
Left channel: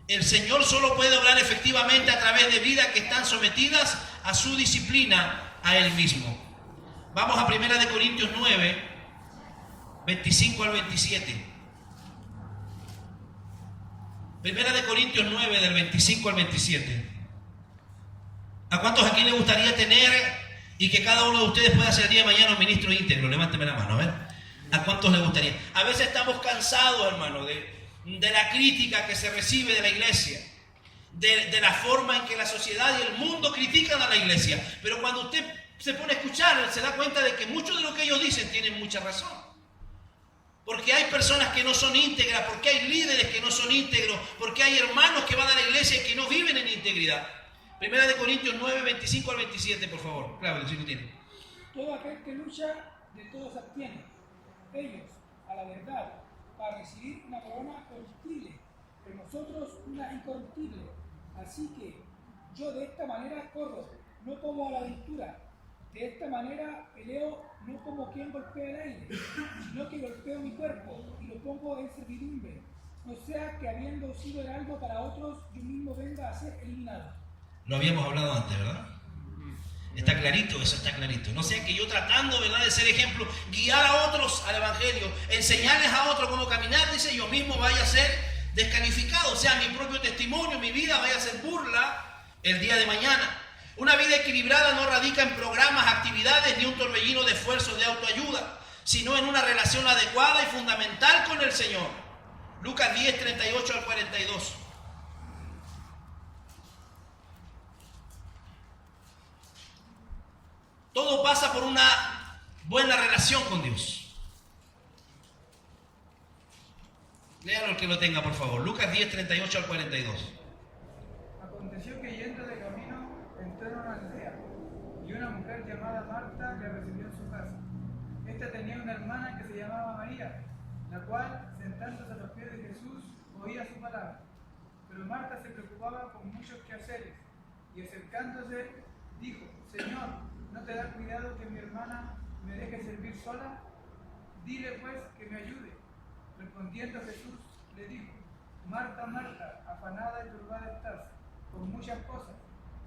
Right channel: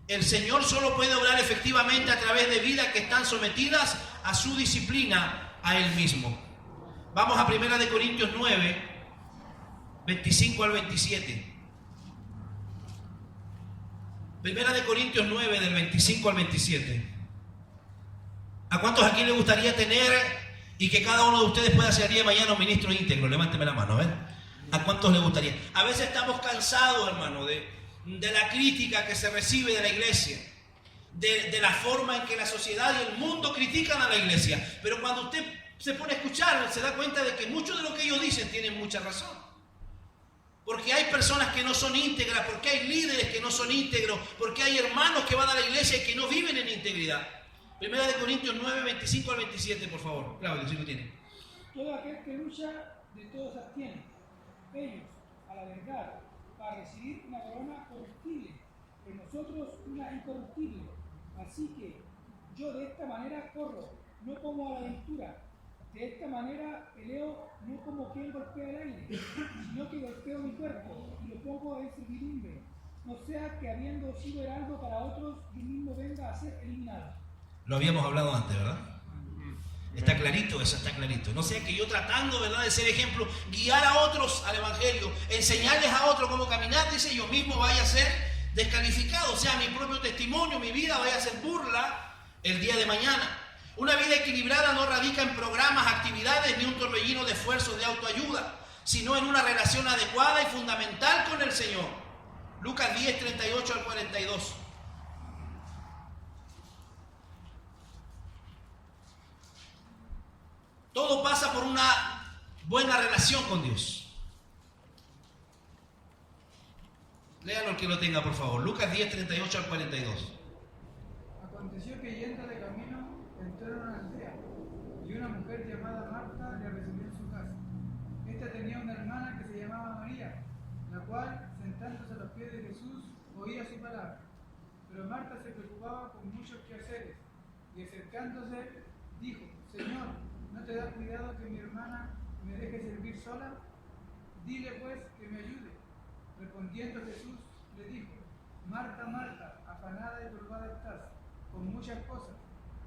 El Señor solo puede obrar efectivamente a través de vidas que están sometidas a su disciplina, a Él mismo. Vamos a 1 Corintios 9, 25 al 27. 1 Corintios 9, del 25 al 27. ¿A cuántos aquí les gustaría tener y que cada uno de ustedes pueda ser día de mañana un ministro íntegro? Levánteme la mano, a ver. ¿A cuántos les gustaría? A veces estamos cansados, hermano, de la crítica que se recibe de la iglesia, de la forma en que la sociedad y el mundo critican a la iglesia. Pero cuando usted se pone a escuchar, se da cuenta de que mucho de lo que ellos dicen tienen mucha razón. Porque hay personas que no son íntegras, porque hay líderes que no son íntegros, porque hay hermanos que van a la iglesia y que no viven en integridad. 1 Corintios 9, 25 al 27, por favor. Claudio, si lo tiene. Todo aquel que lucha, de todos se abstiene. Ellos, a la verdad, para recibir una corona corruptible, pero nosotros una incorruptible. Así que yo de esta manera corro, no como a la aventura. De esta manera peleo, no como quien golpea el aire, sino que golpeo mi cuerpo y lo pongo en servidumbre. No sea que habiendo sido heraldo para otros, yo mismo venga a ser eliminado. Lo habíamos hablado antes, ¿verdad? Está clarito, eso está clarito. No sea que yo tratando, ¿verdad?, de ser ejemplo, guiar a otros al evangelio, enseñarles a otros cómo caminar, dice, yo mismo vaya a ser descalificado. O sea, mi propio testimonio, mi vida vaya a ser burla el día de mañana. Una vida equilibrada no radica en programas, actividades ni un torbellino de esfuerzos de autoayuda, sino en una relación adecuada y fundamental con el Señor. Lucas 10, 38 al 42. Todo pasa por una buena relación con Dios. Léalo el que lo tenga, por favor. Lucas 10, 38 al 42. Aconteció que yendo de camino entró en una aldea, y una mujer llamada Marta le recibió en su casa. Esta tenía una hermana que se llamaba María, la cual, sentándose a los pies de Jesús, oía su palabra. Pero Marta se preocupaba con muchos quehaceres, y acercándose, dijo, Señor, ¿no te da cuidado que mi hermana me deje servir sola? Dile pues que me ayude. Respondiendo Jesús, le dijo, Marta, Marta, afanada y turbada estás con muchas cosas,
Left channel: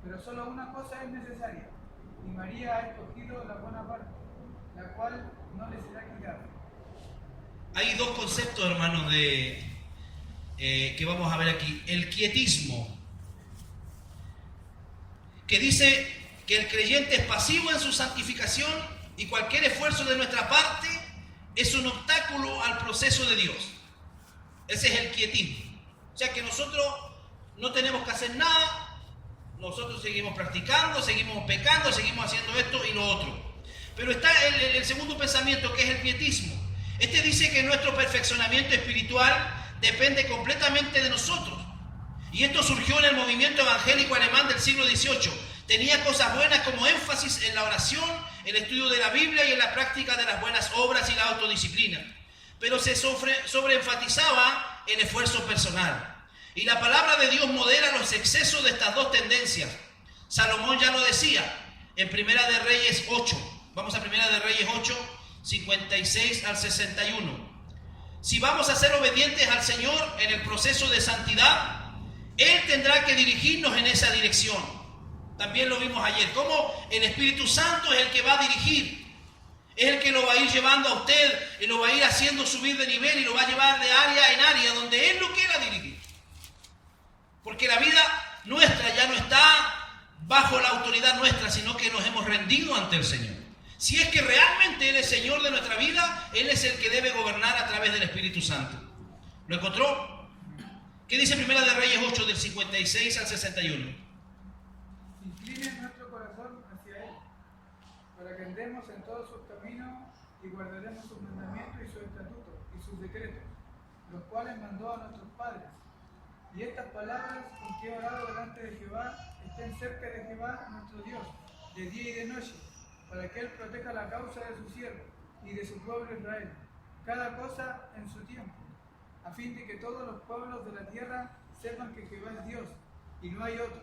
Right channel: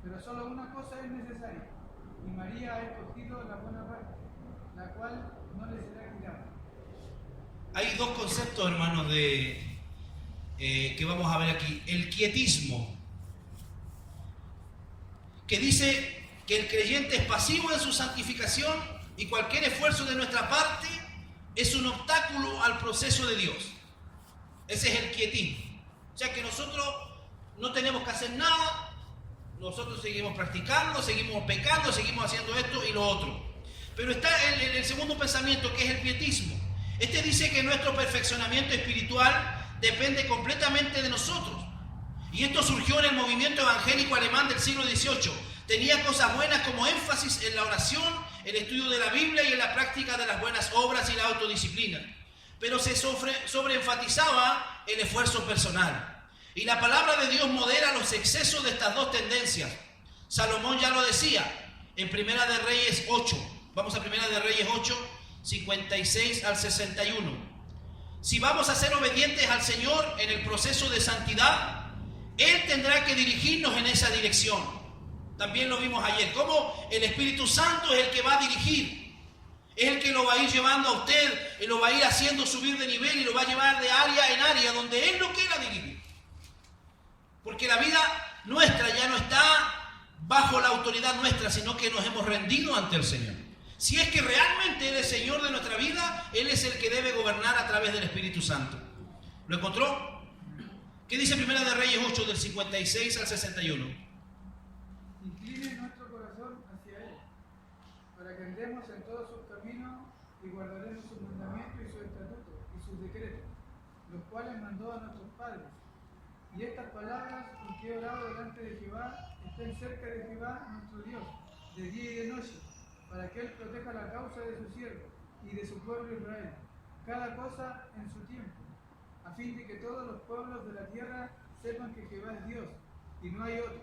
pero solo una cosa es necesaria, y María ha escogido la buena parte, la cual no le será quitada. Hay dos conceptos, hermanos, que vamos a ver aquí. El quietismo, que dice que el creyente es pasivo en su santificación y cualquier esfuerzo de nuestra parte es un obstáculo al proceso de Dios. Ese es el quietismo. O sea que nosotros no tenemos que hacer nada, nosotros seguimos practicando, seguimos pecando, seguimos haciendo esto y lo otro. Pero está el segundo pensamiento, que es el quietismo. Este dice que nuestro perfeccionamiento espiritual depende completamente de nosotros. Y esto surgió en el movimiento evangélico alemán del siglo XVIII. Tenía cosas buenas como énfasis en la oración, el estudio de la Biblia y en la práctica de las buenas obras y la autodisciplina. Pero se sobreenfatizaba el esfuerzo personal. Y la palabra de Dios modera los excesos de estas dos tendencias. Salomón ya lo decía en Primera de Reyes 8. Vamos a Primera de Reyes 8, 56 al 61. Si vamos a ser obedientes al Señor en el proceso de santidad, Él tendrá que dirigirnos en esa dirección. También lo vimos ayer, cómo el Espíritu Santo es el que va a dirigir. Es el que lo va a ir llevando a usted y lo va a ir haciendo subir de nivel y lo va a llevar de área en área donde Él lo quiera dirigir. Porque la vida nuestra ya no está bajo la autoridad nuestra, sino que nos hemos rendido ante el Señor. Si es que realmente Él es Señor de nuestra vida, Él es el que debe gobernar a través del Espíritu Santo. ¿Lo encontró? ¿Qué dice Primera de Reyes 8 del 56 al 61? Incline nuestro corazón hacia Él, para que andemos en todos sus caminos y guardaremos sus mandamientos y sus estatutos y sus decretos, los cuales mandó a nuestros padres. Y estas palabras con que he orado delante de Jehová estén cerca de Jehová nuestro Dios, de día y de noche, para que Él proteja la causa de su siervo y de su pueblo Israel, cada cosa en su tiempo, a fin de que todos los pueblos de la tierra sepan que Jehová es Dios y no hay otro.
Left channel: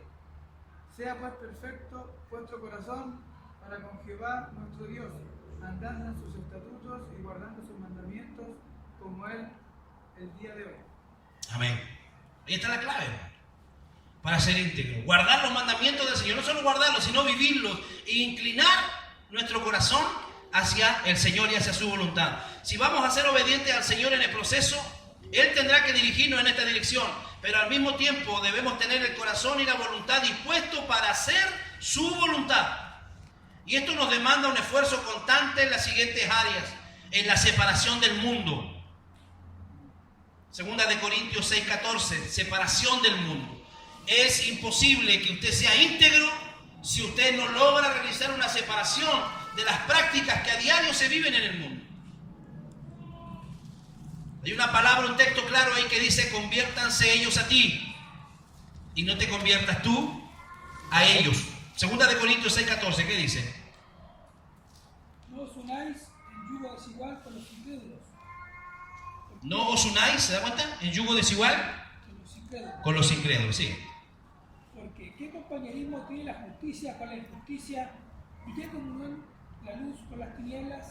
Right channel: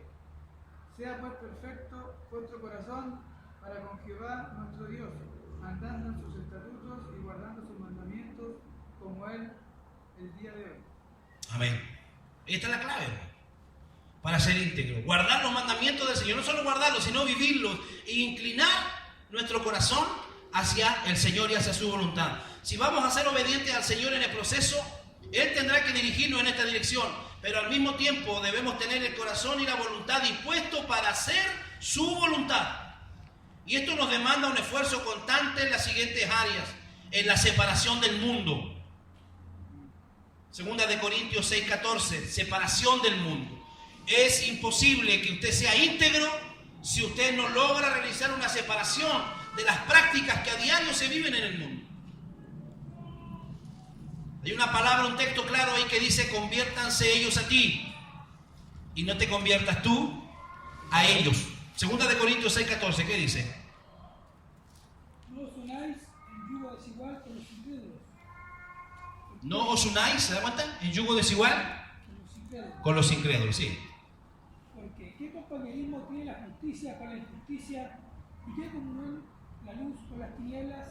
Sea pues perfecto vuestro corazón para con Jehová nuestro Dios, andando en sus estatutos y guardando sus mandamientos como Él el día de hoy. Amén. Ahí está la clave para ser íntegro. Guardar los mandamientos del Señor, no solo guardarlos, sino vivirlos e inclinar nuestro corazón hacia el Señor y hacia su voluntad. Si vamos a ser obedientes al Señor en el proceso, Él tendrá que dirigirnos en esta dirección, pero al mismo tiempo debemos tener el corazón y la voluntad dispuestos para hacer su voluntad. Y esto nos demanda un esfuerzo constante en las siguientes áreas: en la separación del mundo. Segunda de Corintios 6:14, separación del mundo. Es imposible que usted sea íntegro si usted no logra realizar una separación de las prácticas que a diario se viven en el mundo. Hay una palabra, un texto claro ahí que dice: conviértanse ellos a ti y no te conviertas tú a ellos. Segunda de Corintios 6:14, ¿qué dice? No os unáis en yugo desigual con los incrédulos. No os unáis, ¿se da cuenta? En yugo desigual Con los incrédulos. con los incrédulos, sí. Porque ¿qué compañerismo tiene la justicia con la injusticia? ¿Y qué comunión la luz con las tinieblas?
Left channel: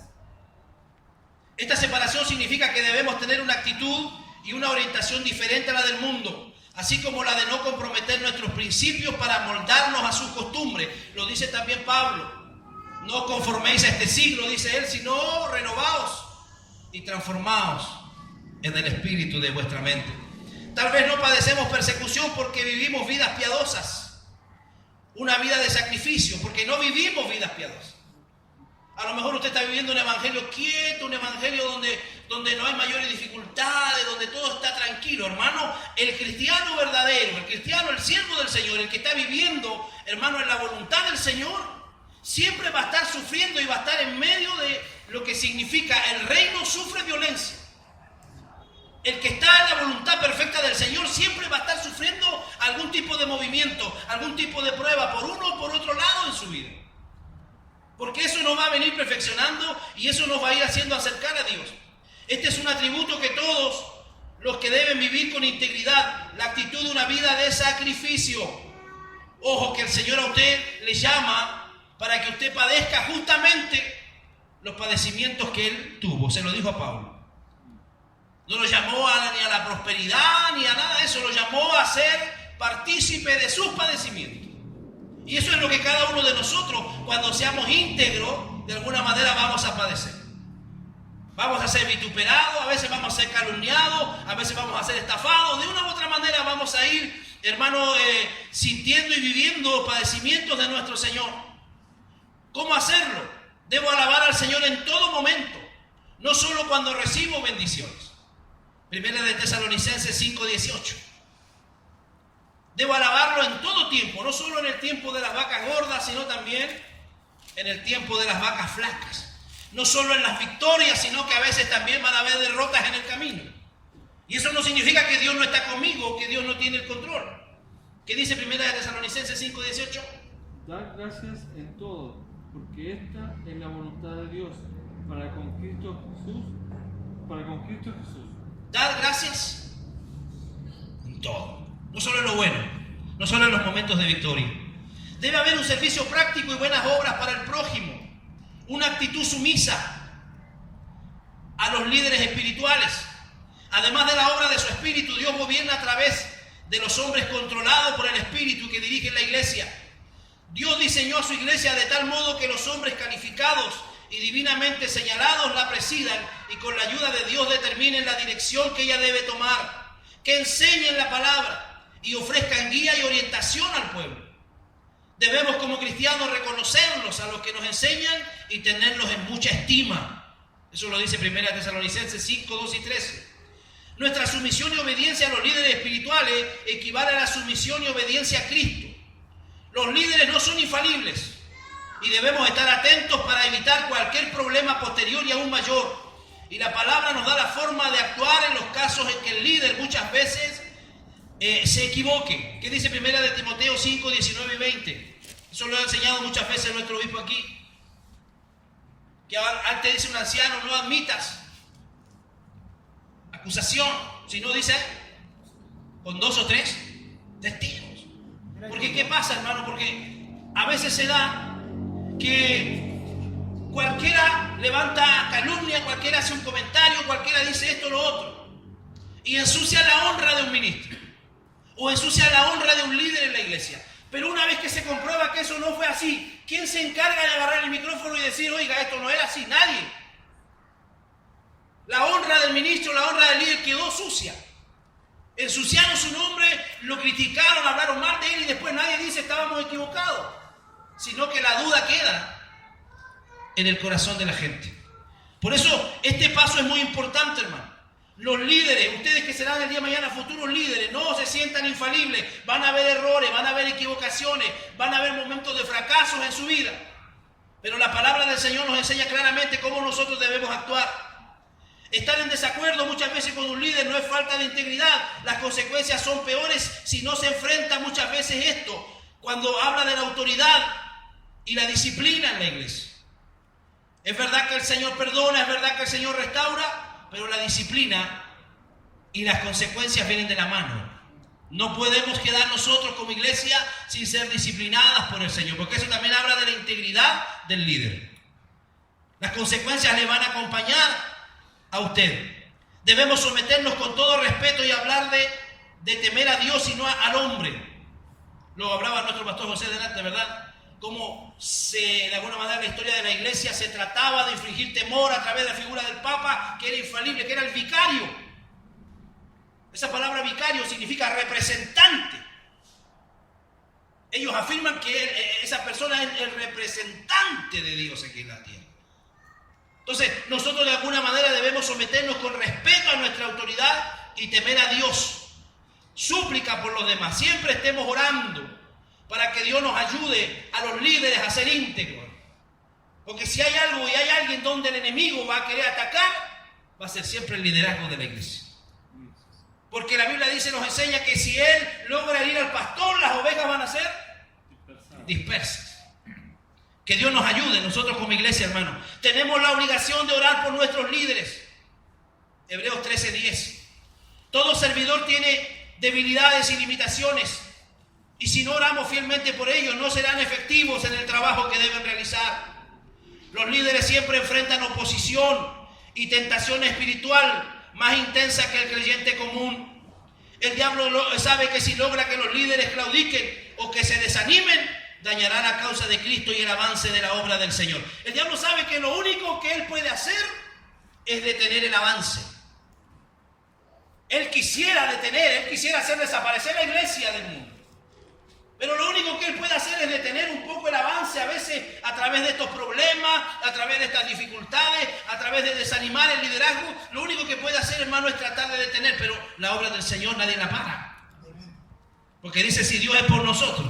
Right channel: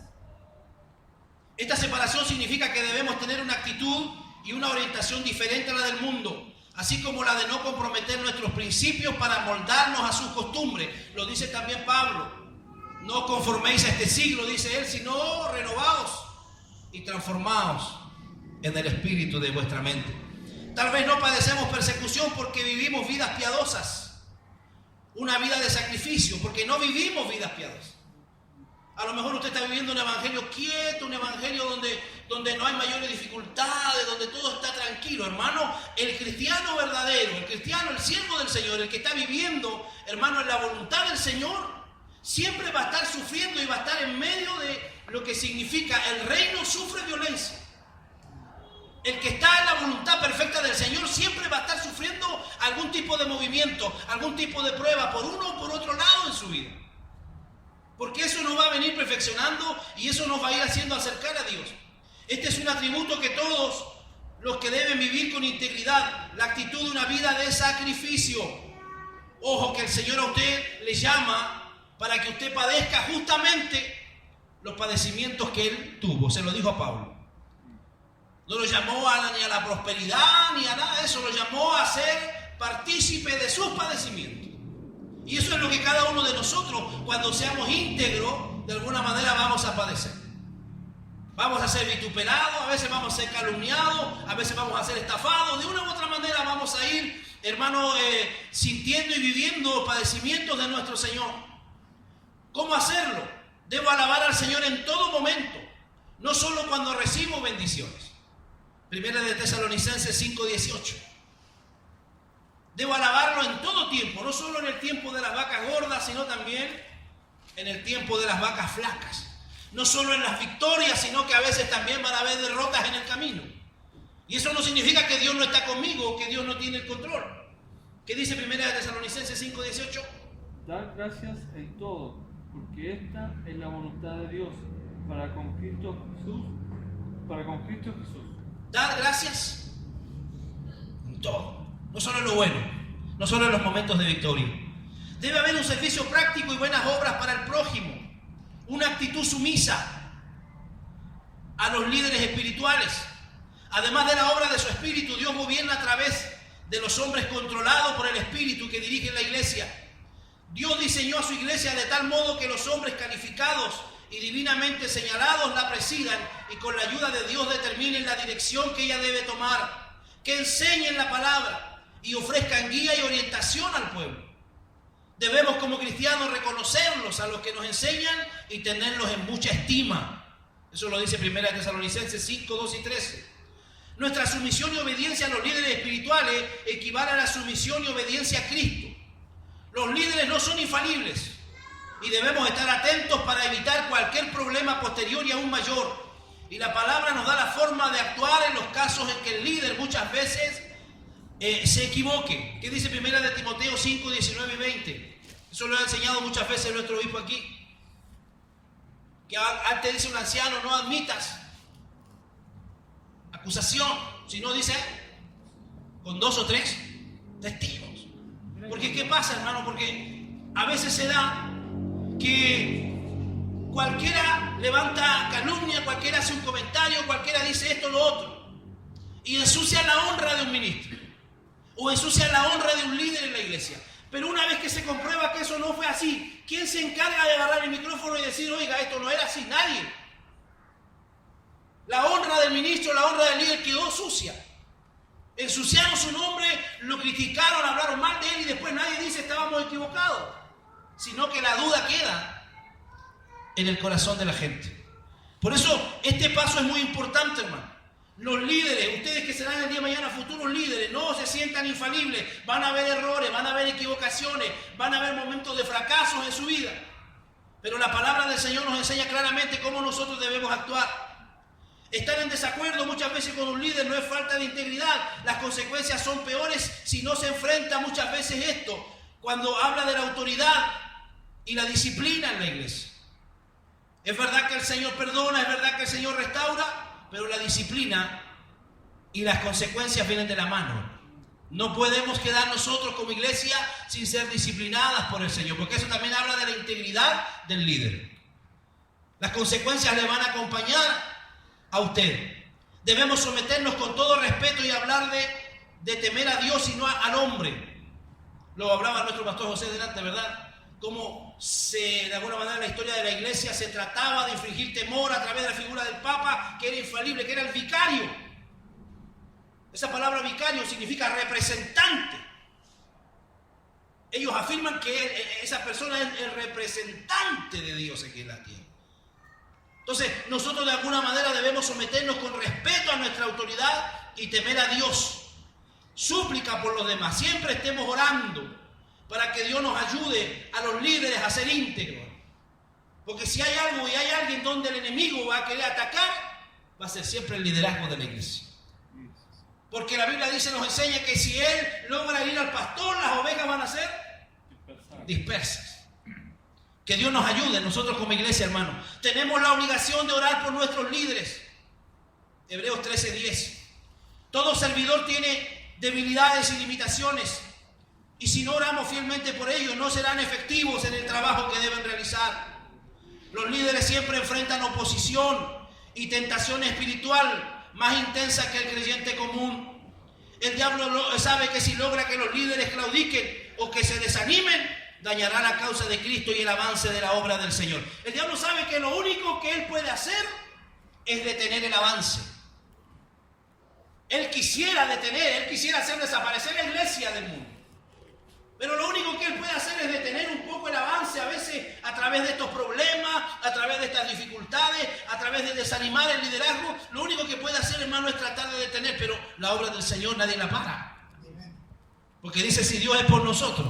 Esta separación significa que debemos tener una actitud y una orientación diferente a la del mundo, así como la de no comprometer nuestros principios para moldarnos a sus costumbres. Lo dice también Pablo: no os conforméis a este siglo, dice él, sino renovaos y transformaos en el espíritu de vuestra mente. Tal vez no padecemos persecución porque vivimos vidas piadosas, una vida de sacrificio, porque no vivimos vidas piadosas. A lo mejor usted está viviendo un evangelio quieto, un evangelio donde no hay mayores dificultades, donde todo está tranquilo. Hermano, el cristiano verdadero, el cristiano, el siervo del Señor, el que está viviendo, hermano, en la voluntad del Señor, siempre va a estar sufriendo y va a estar en medio de lo que significa el reino sufre violencia. El que está en la voluntad perfecta del Señor siempre va a estar sufriendo algún tipo de movimiento, algún tipo de prueba, por uno o por otro lado en su vida. Porque eso nos va a venir perfeccionando y eso nos va a ir haciendo acercar a Dios. Este es un atributo que todos los que deben vivir con integridad, la actitud de una vida de sacrificio. Ojo, que el Señor a usted le llama para que usted padezca justamente los padecimientos que Él tuvo. Se lo dijo a Pablo. No lo llamó ni a la prosperidad ni a nada de eso, lo llamó a ser partícipe de sus padecimientos. Y eso es lo que cada uno de nosotros, cuando seamos íntegros, de alguna manera vamos a padecer. Vamos a ser vituperados, a veces vamos a ser calumniados, a veces vamos a ser estafados. De una u otra manera vamos a ir, hermano, sintiendo y viviendo padecimientos de nuestro Señor. ¿Cómo hacerlo? Debo alabar al Señor en todo momento, no solo cuando recibo bendiciones. Primera de Tesalonicenses 5:18. Debo alabarlo en todo tiempo, no solo en el tiempo de las vacas gordas, sino también en el tiempo de las vacas flacas. No solo en las victorias, sino que a veces también van a haber derrotas en el camino. Y eso no significa que Dios no está conmigo o que Dios no tiene el control. ¿Qué dice Primera de Tesalonicenses 5:18? Dar gracias en todo, porque esta es la voluntad de Dios para con Cristo Jesús. Dad gracias en todo, no solo en lo bueno, no solo en los momentos de victoria. Debe haber un servicio práctico y buenas obras para el prójimo, una actitud sumisa a los líderes espirituales. Además de la obra de su espíritu, Dios gobierna a través de los hombres controlados por el espíritu que dirigen la iglesia. Dios diseñó a su iglesia de tal modo que los hombres calificados y divinamente señalados la presidan y con la ayuda de Dios determinen la dirección que ella debe tomar, que enseñen la palabra y ofrezcan guía y orientación al pueblo. Debemos como cristianos reconocerlos a los que nos enseñan y tenerlos en mucha estima. Eso lo dice 1 Tesalonicenses 5, 2 y 13. Nuestra sumisión y obediencia a los líderes espirituales equivale a la sumisión y obediencia a Cristo. Los líderes no son infalibles y debemos estar atentos para evitar cualquier problema posterior y aún mayor. Y la palabra nos da la forma de actuar en los casos en que el líder muchas veces se equivoque. ¿Qué dice 1 de Timoteo 5, 19 y 20? Eso lo ha enseñado muchas veces nuestro obispo aquí. Que antes dice un anciano, no admitas acusación, sino dice con 2 o 3 testigos. Porque ¿qué pasa, hermano? Porque a veces se da que cualquiera levanta calumnia, cualquiera hace un comentario, cualquiera dice esto o lo otro, y ensucia la honra de un ministro, o ensucia la honra de un líder en la iglesia. Pero una vez que se comprueba que eso no fue así, ¿quién se encarga de agarrar el micrófono y decir, oiga, esto no era así? Nadie. La honra del ministro, la honra del líder quedó sucia. Ensuciaron su nombre, lo criticaron, hablaron mal de él y después nadie dice estábamos equivocados, sino que la duda queda en el corazón de la gente. Por eso este paso es muy importante, hermano. Los líderes, ustedes que serán el día de mañana futuros líderes, no se sientan infalibles. Van a haber errores, van a haber equivocaciones, van a haber momentos de fracasos en su vida. Pero la palabra del Señor nos enseña claramente cómo nosotros debemos actuar. Estar en desacuerdo muchas veces con un líder no es falta de integridad. Las consecuencias son peores si no se enfrenta muchas veces esto, cuando habla de la autoridad y la disciplina en la iglesia. Es verdad que el Señor perdona, es verdad que el Señor restaura, pero la disciplina y las consecuencias vienen de la mano. No podemos quedar nosotros como iglesia sin ser disciplinadas por el Señor, porque eso también habla de la integridad del líder. Las consecuencias le van a acompañar a usted. Debemos someternos con todo respeto y hablar de temer a Dios y no al hombre. Lo hablaba nuestro pastor José delante, ¿verdad? Cómo de alguna manera la historia de la iglesia se trataba de infligir temor a través de la figura del Papa, que era infalible, que era el vicario. Esa palabra vicario significa representante. Ellos afirman que esa persona es el representante de Dios aquí en la tierra. Entonces, nosotros de alguna manera debemos someternos con respeto a nuestra autoridad y temer a Dios. Súplica por los demás. Siempre estemos orando para que Dios nos ayude a los líderes a ser íntegros. Porque si hay algo y hay alguien donde el enemigo va a querer atacar, va a ser siempre el liderazgo de la iglesia. Porque la Biblia dice, nos enseña que si él logra herir al pastor, las ovejas van a ser dispersas. Que Dios nos ayude, nosotros como iglesia, hermano. Tenemos la obligación de orar por nuestros líderes. Hebreos 13:10. Todo servidor tiene debilidades y limitaciones. Y si no oramos fielmente por ellos, no serán efectivos en el trabajo que deben realizar. Los líderes siempre enfrentan oposición y tentación espiritual más intensa que el creyente común. El diablo sabe que si logra que los líderes claudiquen o que se desanimen, dañará la causa de Cristo y el avance de la obra del Señor. El diablo sabe que lo único que él puede hacer es detener el avance. Él quisiera hacer desaparecer la iglesia del mundo. Pero lo único que él puede hacer es detener un poco el avance, a veces a través de estos problemas, a través de estas dificultades, a través de desanimar el liderazgo. Lo único que puede hacer, hermano, es tratar de detener, pero la obra del Señor nadie la para. Porque dice, si Dios es por nosotros,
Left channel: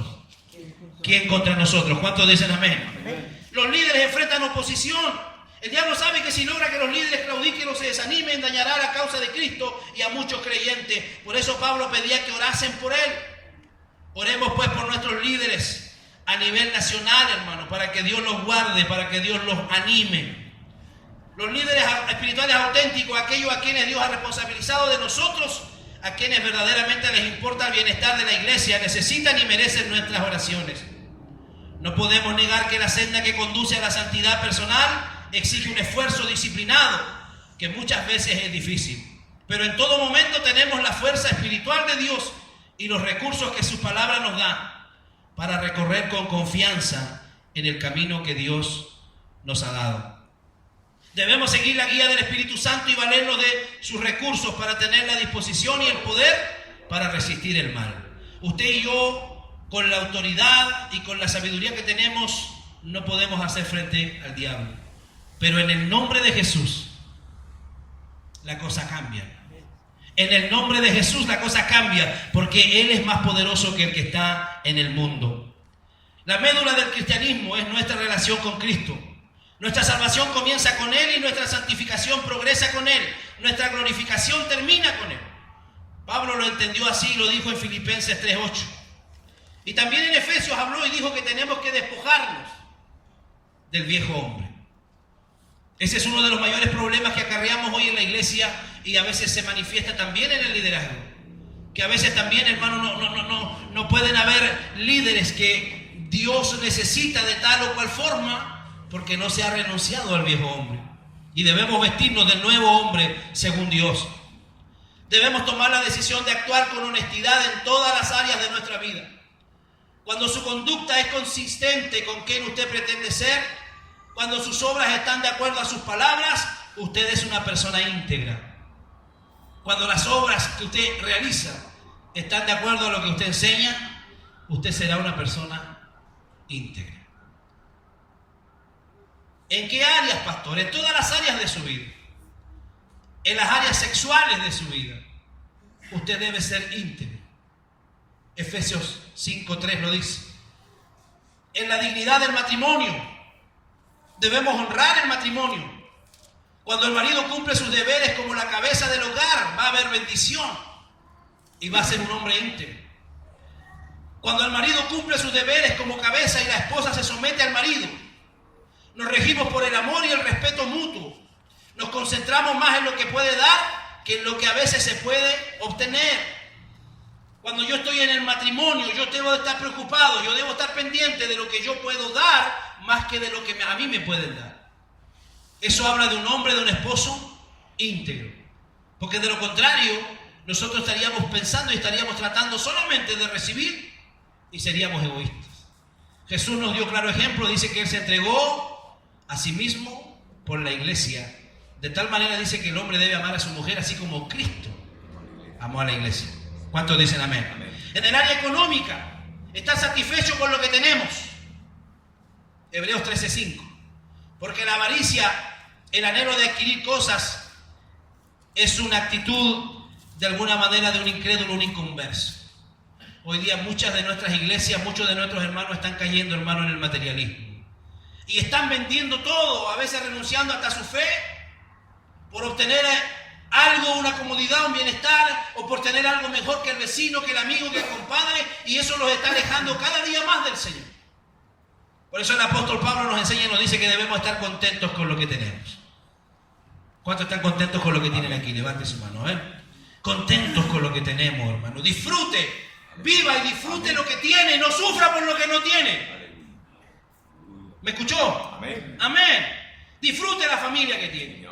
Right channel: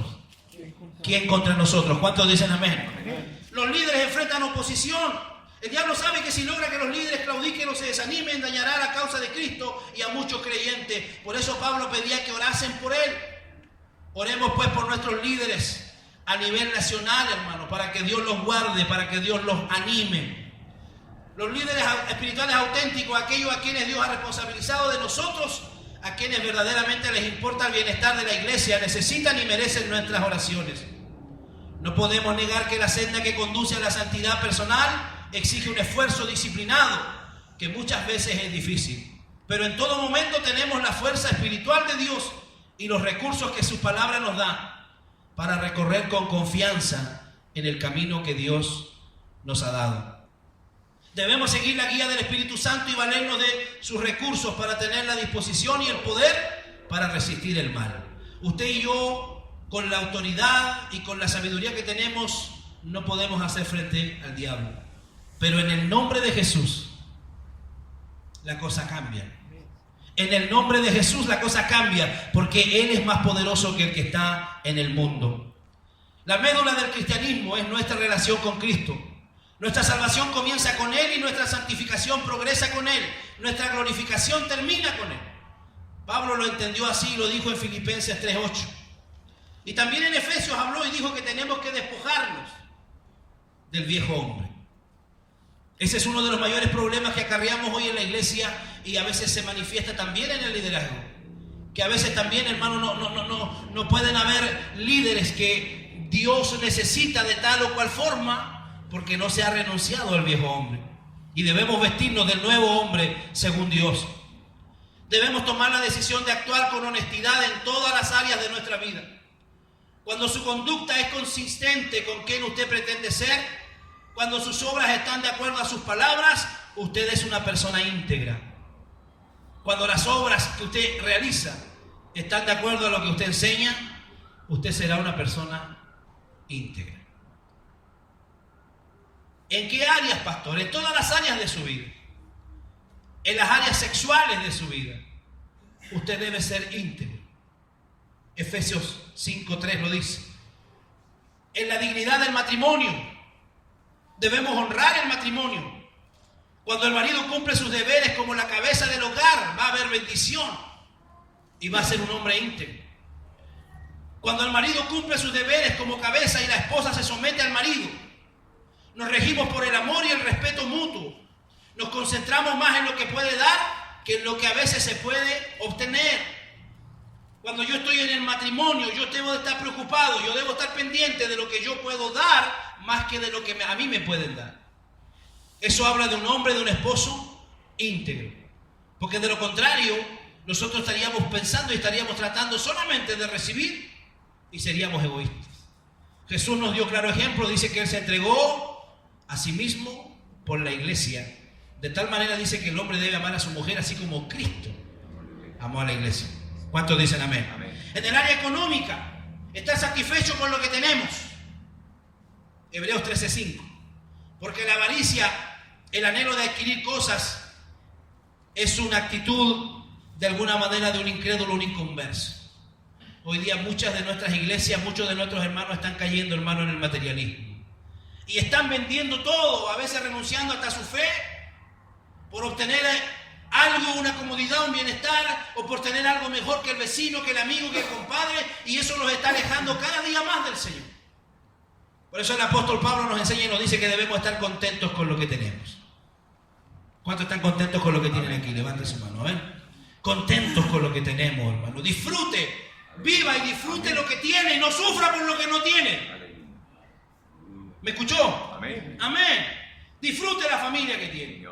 ¿quién contra nosotros? ¿Cuántos dicen amén? Los líderes enfrentan oposición. El diablo sabe que si logra que los líderes claudiquen o se desanimen, dañará la causa de Cristo y a muchos creyentes. Por eso Pablo pedía que orasen por él. Oremos pues por nuestros líderes. a nivel nacional, hermano, para que Dios los guarde, para que Dios los anime. Los líderes espirituales auténticos, aquellos a quienes Dios ha responsabilizado de nosotros, a quienes verdaderamente les importa el bienestar de la iglesia, necesitan y merecen nuestras oraciones. No podemos negar que la senda que conduce a la santidad personal exige un esfuerzo disciplinado, que muchas veces es difícil. Pero en todo momento tenemos la fuerza espiritual de Dios y los recursos que su palabra nos da para recorrer con confianza en el camino que Dios nos ha dado. Debemos seguir la guía del Espíritu Santo y valernos de sus recursos para tener la disposición y el poder para resistir el mal. Usted y yo, con la autoridad y con la sabiduría que tenemos, no podemos hacer frente al diablo. Pero en el nombre de Jesús, la cosa cambia. En el nombre de Jesús la cosa cambia, porque Él es más poderoso que el que está en el mundo. La médula del cristianismo es nuestra relación con Cristo. Nuestra salvación comienza con Él y nuestra santificación progresa con Él. Nuestra glorificación termina con Él. Pablo lo entendió así y lo dijo en Filipenses 3:8. Y también en Efesios habló y dijo que tenemos que despojarnos del viejo hombre. Ese es uno de los mayores problemas que acarreamos hoy en la iglesia y a veces se manifiesta también en el liderazgo. Que a veces también, hermano, no pueden haber líderes que Dios necesita de tal o cual forma porque no se ha renunciado al viejo hombre. Y debemos vestirnos del nuevo hombre según Dios. Debemos tomar la decisión de actuar con honestidad en todas las áreas de nuestra vida. Cuando su conducta es consistente con quien usted pretende ser, cuando sus obras están de acuerdo a sus palabras, usted es una persona íntegra. Cuando las obras que usted realiza están de acuerdo a lo que usted enseña, usted será una persona íntegra. ¿En qué áreas, pastor? En todas las áreas de su vida. En las áreas sexuales de su vida, usted debe ser íntegro. Efesios 5:3 lo dice. En la dignidad del matrimonio, debemos honrar el matrimonio. Cuando el marido cumple sus deberes como la cabeza del hogar, va a haber bendición y va a ser un hombre íntegro. Cuando el marido cumple sus deberes como cabeza y la esposa se somete al marido, nos regimos por el amor y el respeto mutuo. Nos concentramos más en lo que puede dar que en lo que a veces se puede obtener. Cuando yo estoy en el matrimonio, yo debo de estar preocupado, yo debo estar pendiente de lo que yo puedo dar más que de lo que a mí me pueden dar. Eso habla de un hombre, de un esposo íntegro. Porque de lo contrario, nosotros estaríamos pensando y estaríamos tratando solamente de recibir y seríamos egoístas. Jesús nos dio claro ejemplo, dice que Él se entregó a sí mismo por la iglesia. De tal manera dice que el hombre debe amar a su mujer así como Cristo amó a la iglesia. ¿Cuántos dicen amén? Amén. En el área económica, estar satisfecho con lo que tenemos. Hebreos 13:5. Porque la avaricia, el anhelo de adquirir cosas, es una actitud de alguna manera de un incrédulo, un inconverso. Hoy día muchas de nuestras iglesias, muchos de nuestros hermanos están cayendo, hermano, en el materialismo. Y están vendiendo todo, a veces renunciando hasta su fe, por obtener algo, una comodidad, un bienestar, o por tener algo mejor que el vecino, que el amigo, que el compadre, y eso los está alejando cada día más del Señor. Por eso el apóstol Pablo nos enseña y nos dice que debemos estar contentos con lo que tenemos. ¿Cuántos están contentos con lo que tienen aquí? Levante su mano, a ver. Contentos con lo que tenemos, hermano. Disfrute, viva y disfrute lo que tiene, no sufra por lo que no tiene. ¿Me escuchó? Amén. Amén. Disfrute la familia que tiene.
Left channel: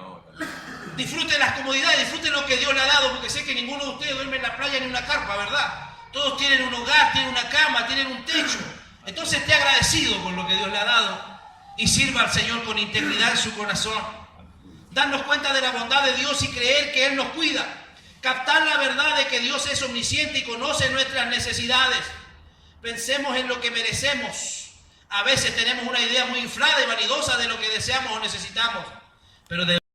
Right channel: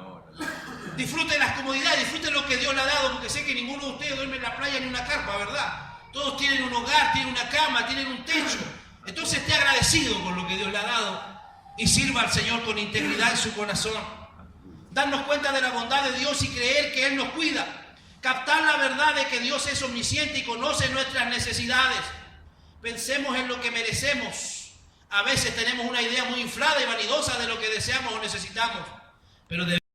Disfrute las comodidades, disfrute lo que Dios le ha dado, porque sé que ninguno de ustedes duerme en la playa ni en una carpa, ¿verdad? Todos tienen un hogar, tienen una cama, tienen un techo. Entonces esté agradecido con lo que Dios le ha dado y sirva al Señor con integridad en su corazón. Darnos cuenta de la bondad de Dios y creer que Él nos cuida. Captar la verdad de que Dios es omnisciente y conoce nuestras necesidades. Pensemos en lo que merecemos. A veces tenemos una idea muy inflada y vanidosa de lo que deseamos o necesitamos, pero